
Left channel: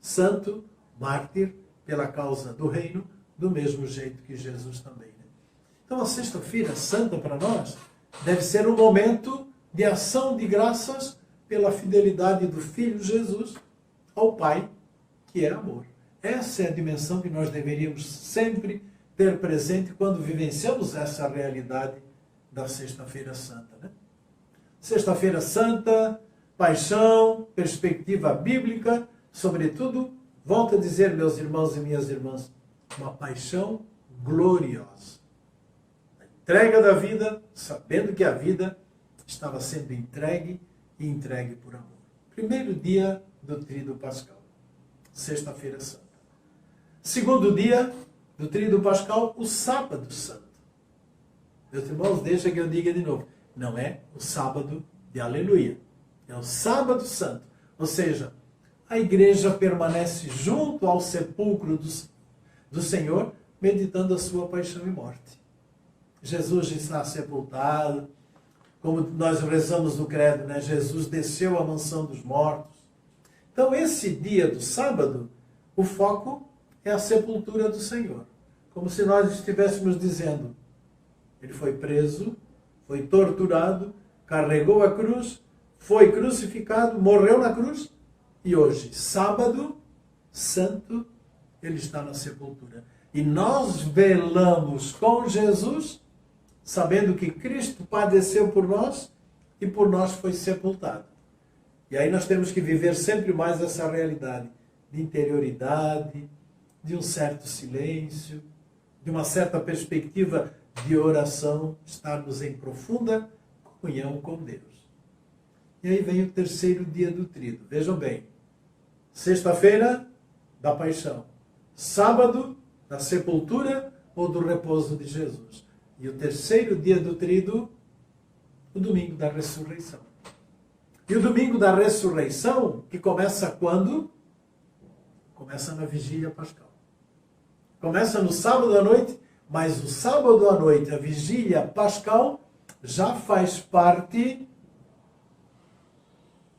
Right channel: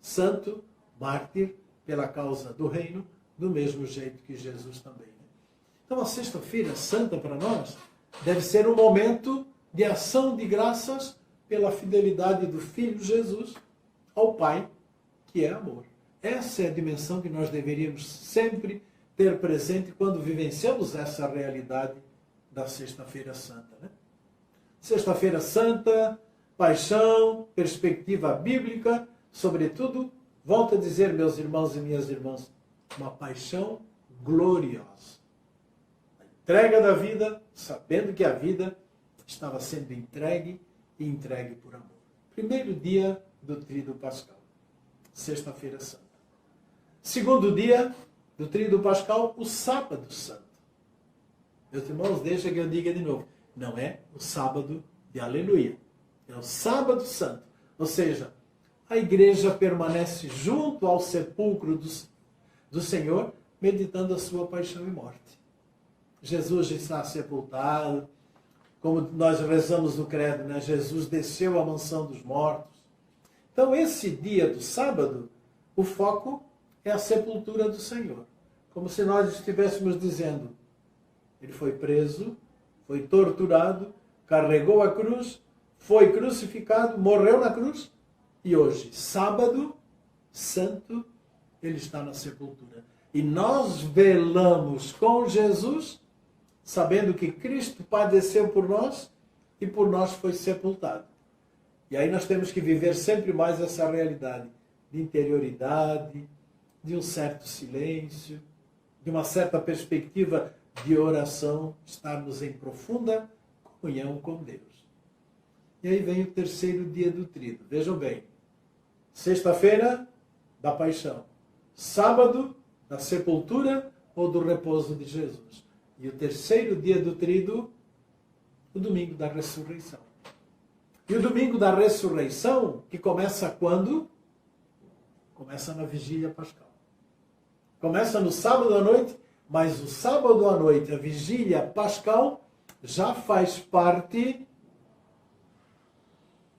Santo, mártir, pela causa do reino, do mesmo jeito que Jesus também. Né? Então a Sexta-feira Santa para nós deve ser um momento de ação de graças pela fidelidade do Filho Jesus ao Pai, que é amor. Essa é a dimensão que nós deveríamos sempre ter presente quando vivenciamos essa realidade da Sexta-feira Santa. Né? Sexta-feira Santa, paixão, perspectiva bíblica, sobretudo, volto a dizer, meus irmãos e minhas irmãs, uma paixão gloriosa. A entrega da vida, sabendo que a vida estava sendo entregue e entregue por amor. Primeiro dia do Tríduo Pascal, Sexta-feira Santa. Segundo dia do Tríduo Pascal, o Sábado Santo. Meus irmãos, deixa que eu diga de novo. Não é o sábado de aleluia. É o Sábado Santo. Ou seja, a igreja permanece junto ao sepulcro do Senhor, meditando a sua paixão e morte. Jesus está sepultado, como nós rezamos no credo, né? Jesus desceu à mansão dos mortos. Então, esse dia do sábado, o foco é a sepultura do Senhor. Como se nós estivéssemos dizendo, ele foi preso, foi torturado, carregou a cruz, foi crucificado, morreu na cruz, e hoje, sábado santo, ele está na sepultura. E nós velamos com Jesus, sabendo que Cristo padeceu por nós e por nós foi sepultado. E aí nós temos que viver sempre mais essa realidade de interioridade, de um certo silêncio, de uma certa perspectiva de oração, estarmos em profunda comunhão com Deus. E aí vem o terceiro dia do Tríduo. Vejam bem, sexta-feira da paixão, sábado da sepultura ou do repouso de Jesus. E o terceiro dia do Tríduo, o domingo da ressurreição. E o domingo da ressurreição, que começa quando? Começa na vigília pascal. Começa no sábado à noite, mas o sábado à noite, a vigília pascal, já faz parte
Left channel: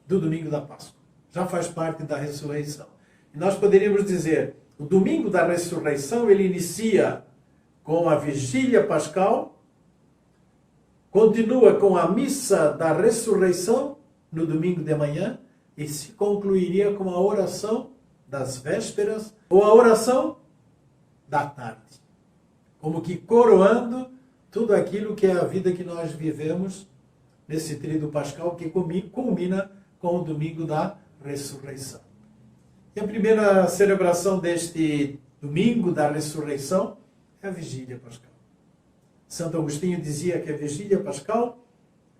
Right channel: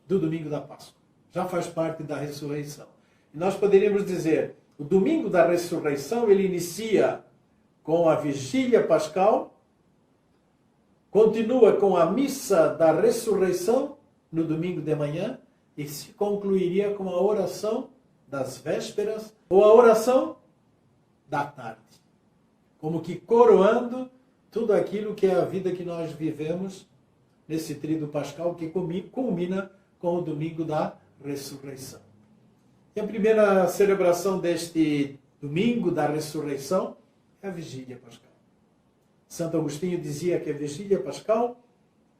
do domingo da Páscoa. Já faz parte da ressurreição. E nós poderíamos dizer, o domingo da ressurreição, ele inicia com a vigília pascal, continua com a missa da ressurreição no domingo de manhã e se concluiria com a oração das vésperas ou a oração da tarde. Como que coroando tudo aquilo que é a vida que nós vivemos nesse Tríduo Pascal que culmina com o domingo da ressurreição. E a primeira celebração deste domingo da ressurreição é a vigília pascal. Santo Agostinho dizia que a vigília pascal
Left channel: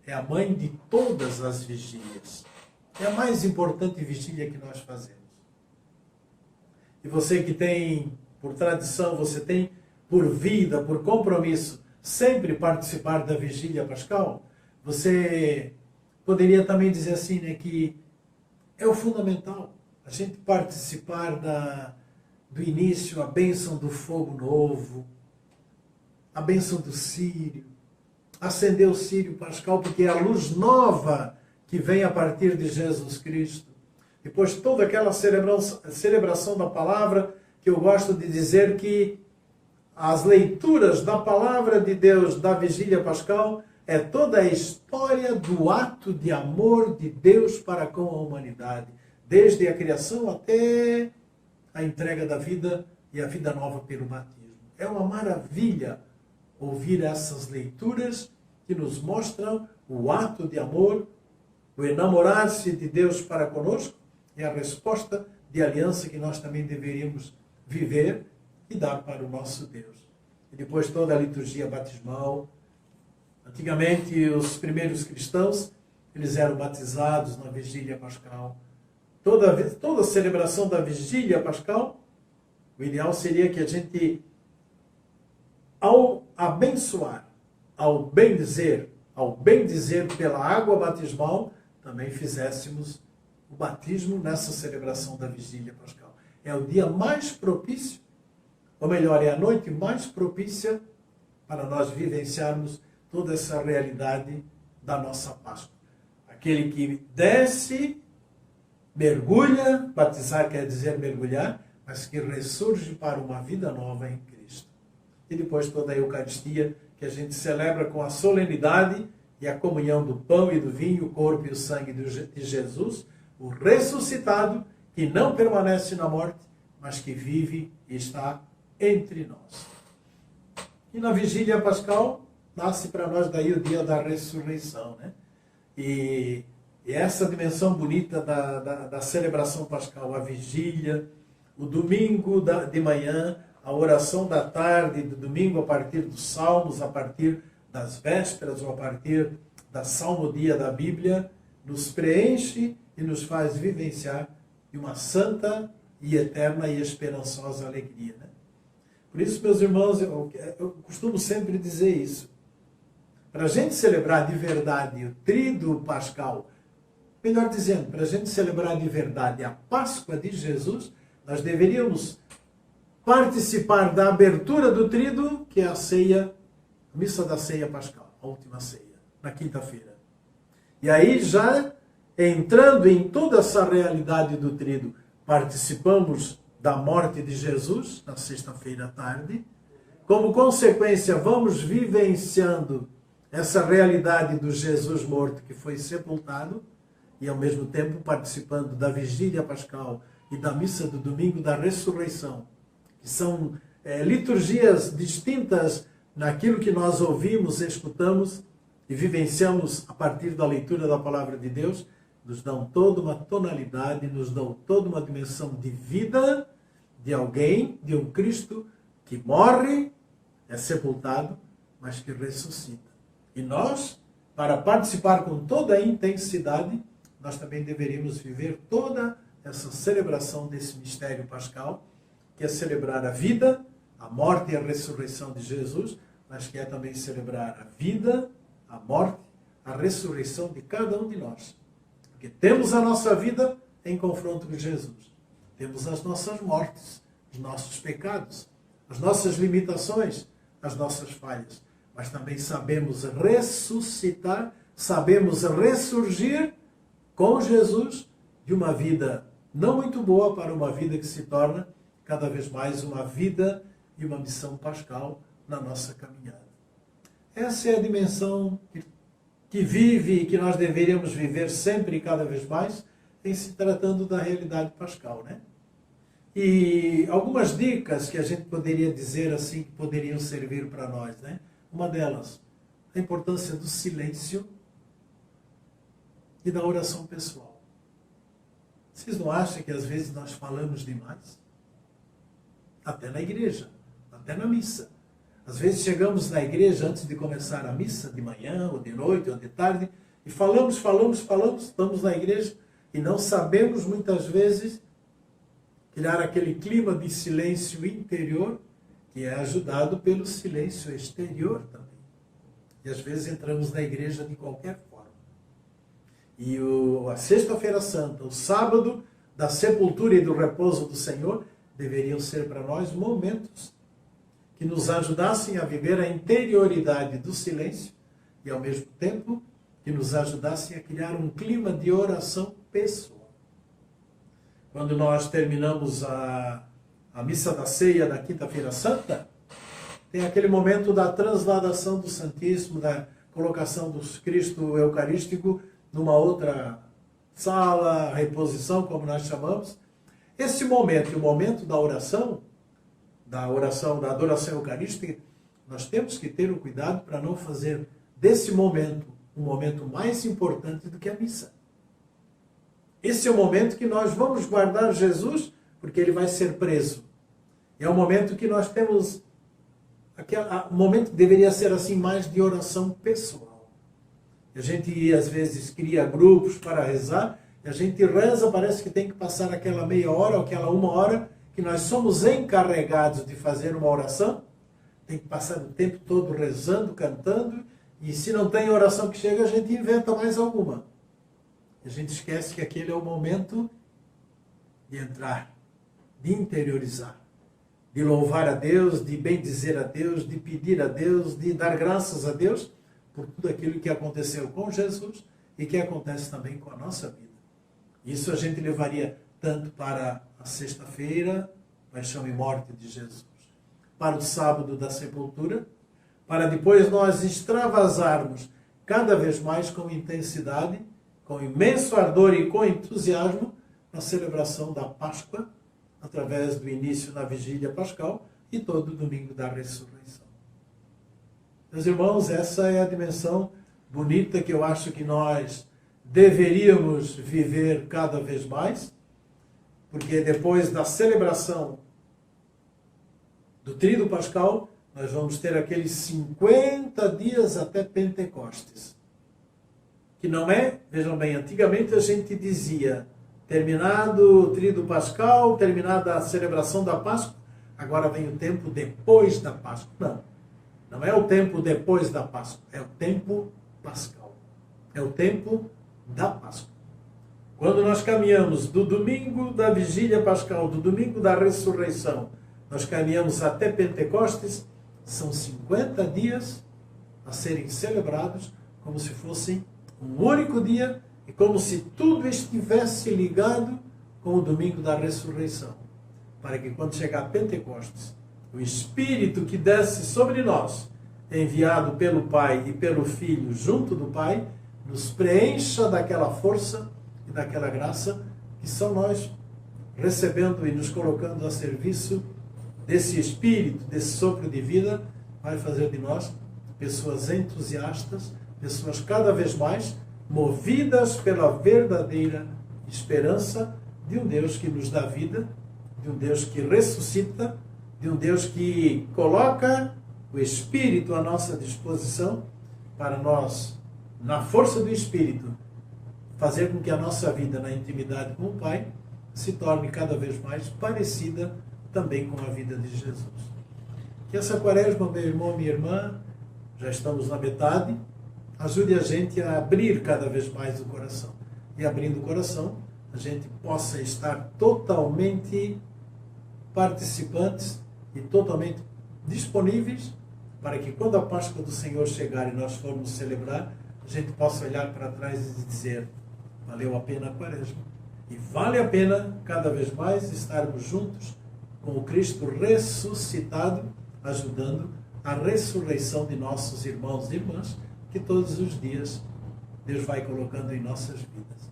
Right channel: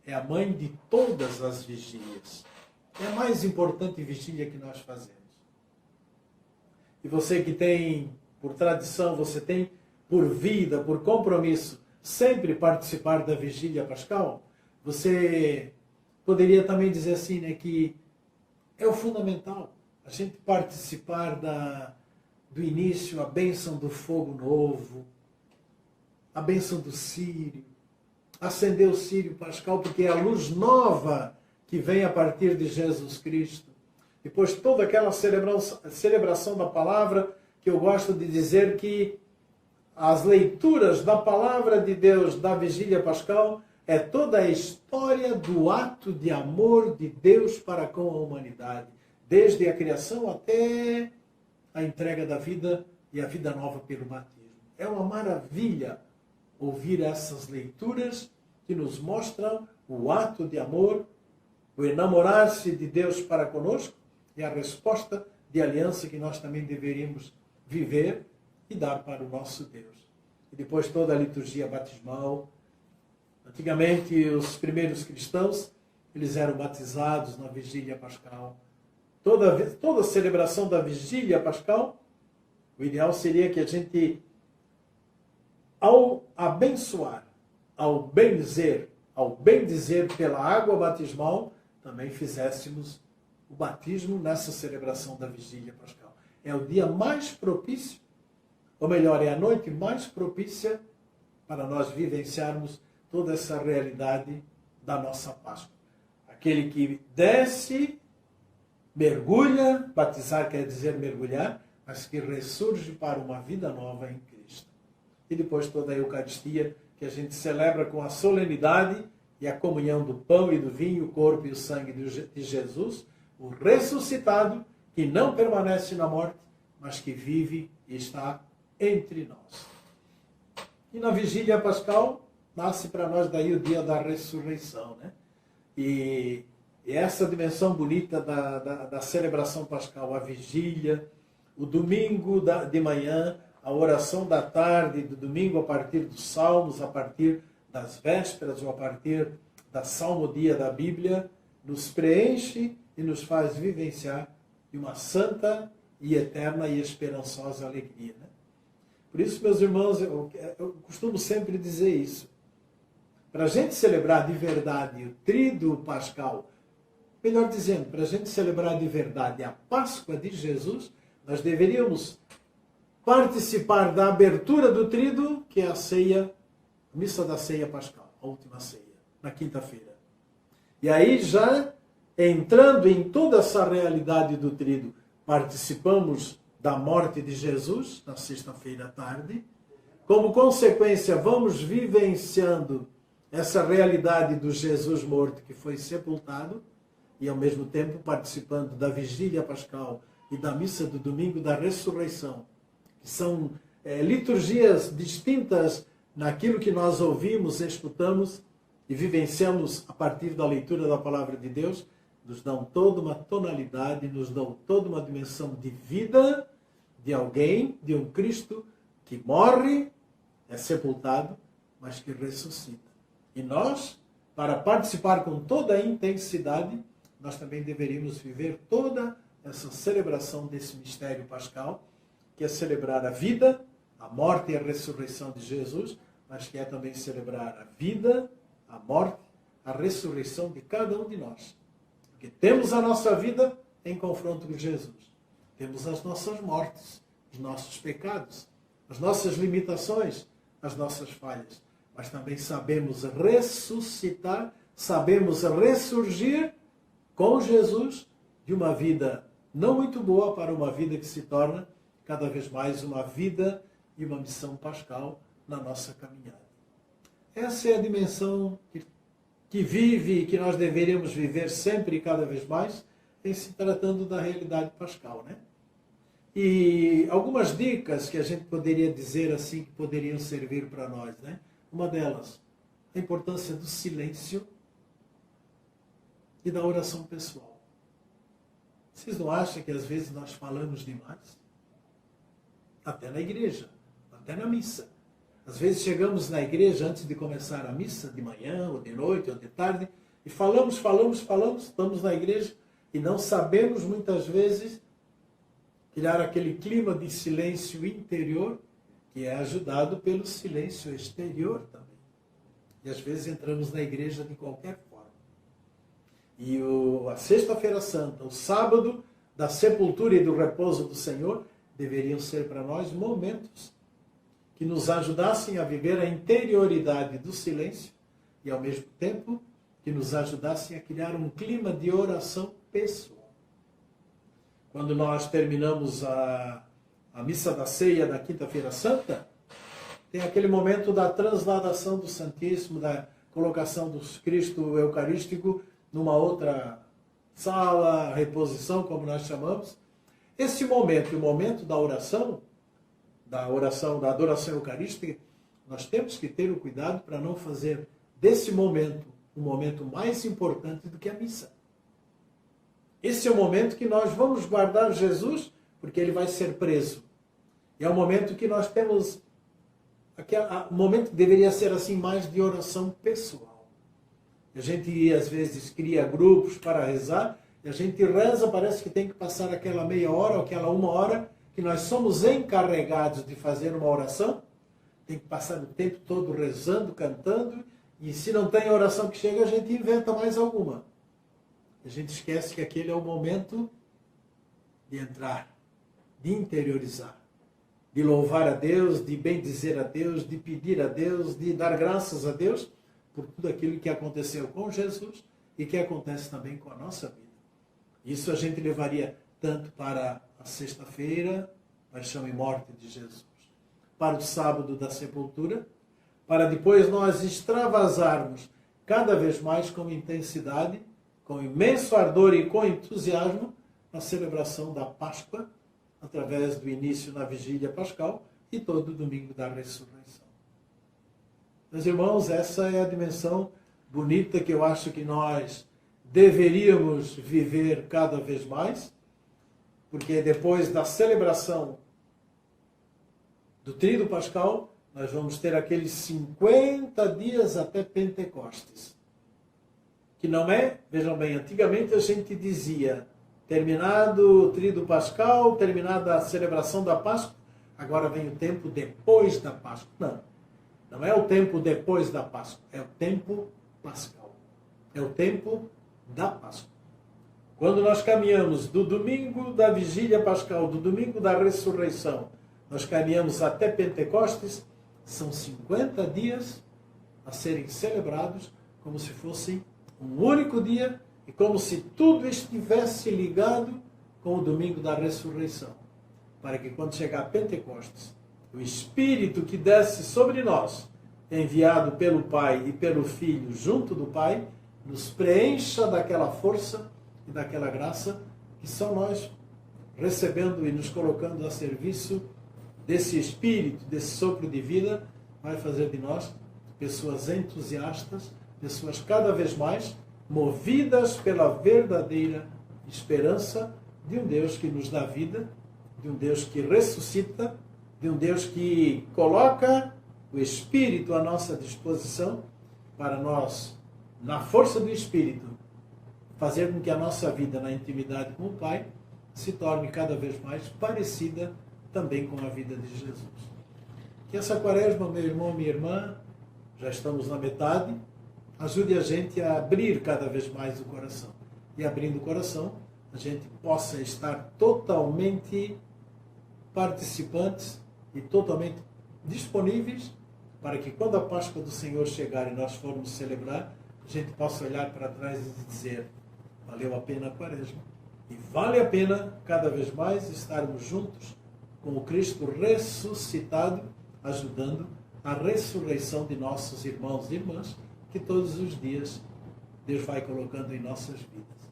é a mãe de todas as vigílias. É a mais importante vigília que nós fazemos. E você que tem, por tradição, você tem por vida, por compromisso, sempre participar da vigília pascal, você poderia também dizer assim, né, que é o fundamental. A gente participar do início, a bênção do fogo novo, a bênção do círio, acender o círio pascal, porque é a luz nova que vem a partir de Jesus Cristo. Depois toda aquela celebração da palavra, que eu gosto de dizer que as leituras da palavra de Deus da vigília pascal é toda a história do ato de amor de Deus para com a humanidade, desde a criação até a entrega da vida e a vida nova pelo batismo. É uma maravilha ouvir essas leituras que nos mostram o ato de amor, o enamorar-se de Deus para conosco e a resposta de aliança que nós também deveríamos viver e dar para o nosso Deus. E depois toda a liturgia batismal. Antigamente, os primeiros cristãos, eles eram batizados na vigília pascal. Toda a celebração da vigília pascal, o ideal seria que a gente, ao abençoar, ao bendizer pela água batismal, também fizéssemos o batismo nessa celebração da vigília pascal. É o dia mais propício, ou melhor, é a noite mais propícia para nós vivenciarmos toda essa realidade da nossa Páscoa. Aquele que desce, mergulha, batizar quer dizer mergulhar, mas que ressurge para uma vida nova em Cristo. E depois toda a Eucaristia, que a gente celebra com a solenidade e a comunhão do pão e do vinho, o corpo e o sangue de Jesus, o ressuscitado, que não permanece na morte, mas que vive e está entre nós. E na vigília pascal, nasce para nós daí o dia da ressurreição, né? E essa dimensão bonita da celebração pascal, a vigília, o domingo de manhã, a oração da tarde, do domingo a partir dos salmos, a partir das vésperas ou a partir da salmodia da Bíblia, nos preenche e nos faz vivenciar de uma santa e eterna e esperançosa alegria, né? Por isso, meus irmãos, eu costumo sempre dizer isso. Para a gente celebrar de verdade o tríduo pascal, melhor dizendo, para a gente celebrar de verdade a Páscoa de Jesus, nós deveríamos participar da abertura do tríduo, que é a ceia, a missa da ceia pascal, a última ceia, na quinta-feira. E aí, já entrando em toda essa realidade do tríduo, participamos da morte de Jesus, na sexta-feira à tarde. Como consequência, vamos vivenciando essa realidade do Jesus morto que foi sepultado e, ao mesmo tempo, participando da vigília pascal e da missa do domingo da ressurreição, que são liturgias distintas naquilo que nós ouvimos, escutamos e vivenciamos a partir da leitura da palavra de Deus, nos dão toda uma tonalidade, nos dão toda uma dimensão de vida de alguém, de um Cristo que morre, é sepultado, mas que ressuscita. E nós, para participar com toda a intensidade, nós também deveríamos viver toda essa celebração desse mistério pascal, que é celebrar a vida, a morte e a ressurreição de Jesus, mas que é também celebrar a vida, a morte, a ressurreição de cada um de nós. Porque temos a nossa vida em confronto com Jesus. Temos as nossas mortes, os nossos pecados, as nossas limitações, as nossas falhas. Mas também sabemos ressuscitar, sabemos ressurgir com Jesus de uma vida não muito boa para uma vida que se torna cada vez mais uma vida e uma missão pascal na nossa caminhada. Essa é a dimensão que vive e que nós deveríamos viver sempre e cada vez mais em se tratando da realidade pascal, né? E algumas dicas que a gente poderia dizer assim, que poderiam servir para nós, né? Uma delas, a importância do silêncio e da oração pessoal. Vocês não acham que às vezes nós falamos demais? Até na igreja, até na missa. Às vezes chegamos na igreja antes de começar a missa, de manhã, ou de noite, ou de tarde, e falamos, estamos na igreja e não sabemos muitas vezes criar aquele clima de silêncio interior que é ajudado pelo silêncio exterior também. E às vezes entramos na igreja de qualquer forma. E a Sexta-feira Santa, o sábado da sepultura e do repouso do Senhor, deveriam ser para nós momentos que nos ajudassem a viver a interioridade do silêncio e, ao mesmo tempo, que nos ajudassem a criar um clima de oração pessoal. Quando nós terminamos a missa da ceia da Quinta-feira Santa, tem aquele momento da transladação do Santíssimo, da colocação do Cristo Eucarístico numa outra sala, reposição, como nós chamamos. Esse momento, o momento da oração, da adoração eucarística, nós temos que ter o cuidado para não fazer desse momento um momento mais importante do que a missa. Esse é o momento que nós vamos guardar Jesus, porque ele vai ser preso. E é o momento que nós temos, o momento que deveria ser assim mais de oração pessoal. A gente às vezes cria grupos para rezar, e a gente reza, parece que tem que passar aquela meia hora ou aquela uma hora, que nós somos encarregados de fazer uma oração, tem que passar o tempo todo rezando, cantando, e se não tem oração que chega, a gente inventa mais alguma. A gente esquece que aquele é o momento de entrar, de interiorizar, de louvar a Deus, de bendizer a Deus, de pedir a Deus, de dar graças a Deus por tudo aquilo que aconteceu com Jesus e que acontece também com a nossa vida. Isso a gente levaria tanto para a sexta-feira, paixão e morte de Jesus, para o sábado da sepultura, para depois nós extravasarmos cada vez mais com intensidade, com imenso ardor e com entusiasmo, a celebração da Páscoa, através do início na vigília pascal e todo domingo da ressurreição. Meus irmãos, essa é a dimensão bonita que eu acho que nós deveríamos viver cada vez mais, porque depois da celebração do Tríduo Pascal, nós vamos ter aqueles 50 dias até Pentecostes. Que não é, vejam bem, antigamente a gente dizia, terminado o Tríduo Pascal, terminada a celebração da Páscoa, agora vem o tempo depois da Páscoa. Não, não é o tempo depois da Páscoa, é o tempo pascal. É o tempo da Páscoa. Quando nós caminhamos do domingo da vigília pascal, do domingo da ressurreição, nós caminhamos até Pentecostes, são 50 dias a serem celebrados como se fossem um único dia e como se tudo estivesse ligado com o domingo da ressurreição. Para que quando chegar a Pentecostes, o Espírito que desce sobre nós, enviado pelo Pai e pelo Filho junto do Pai, nos preencha daquela força e daquela graça que são nós recebendo e nos colocando a serviço desse Espírito, desse sopro de vida, vai fazer de nós pessoas entusiastas, pessoas cada vez mais movidas pela verdadeira esperança de um Deus que nos dá vida, de um Deus que ressuscita, de um Deus que coloca o Espírito à nossa disposição para nós, na força do Espírito, fazer com que a nossa vida na intimidade com o Pai se torne cada vez mais parecida também com a vida de Jesus. Que essa quaresma, meu irmão, minha irmã, já estamos na metade, ajude a gente a abrir cada vez mais o coração. E abrindo o coração, a gente possa estar totalmente participantes e totalmente disponíveis para que quando a Páscoa do Senhor chegar e nós formos celebrar, a gente possa olhar para trás e dizer, valeu a pena a quaresma. E vale a pena cada vez mais estarmos juntos com o Cristo ressuscitado, ajudando a ressurreição de nossos irmãos e irmãs, que todos os dias Deus vai colocando em nossas vidas.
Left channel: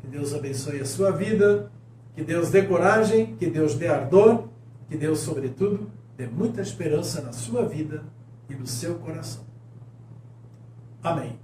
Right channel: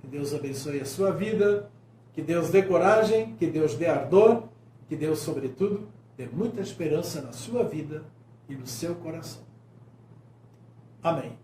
Que Deus abençoe a sua vida, que Deus dê coragem, que Deus dê ardor, que Deus, sobretudo, dê muita esperança na sua vida e no seu coração. Amém.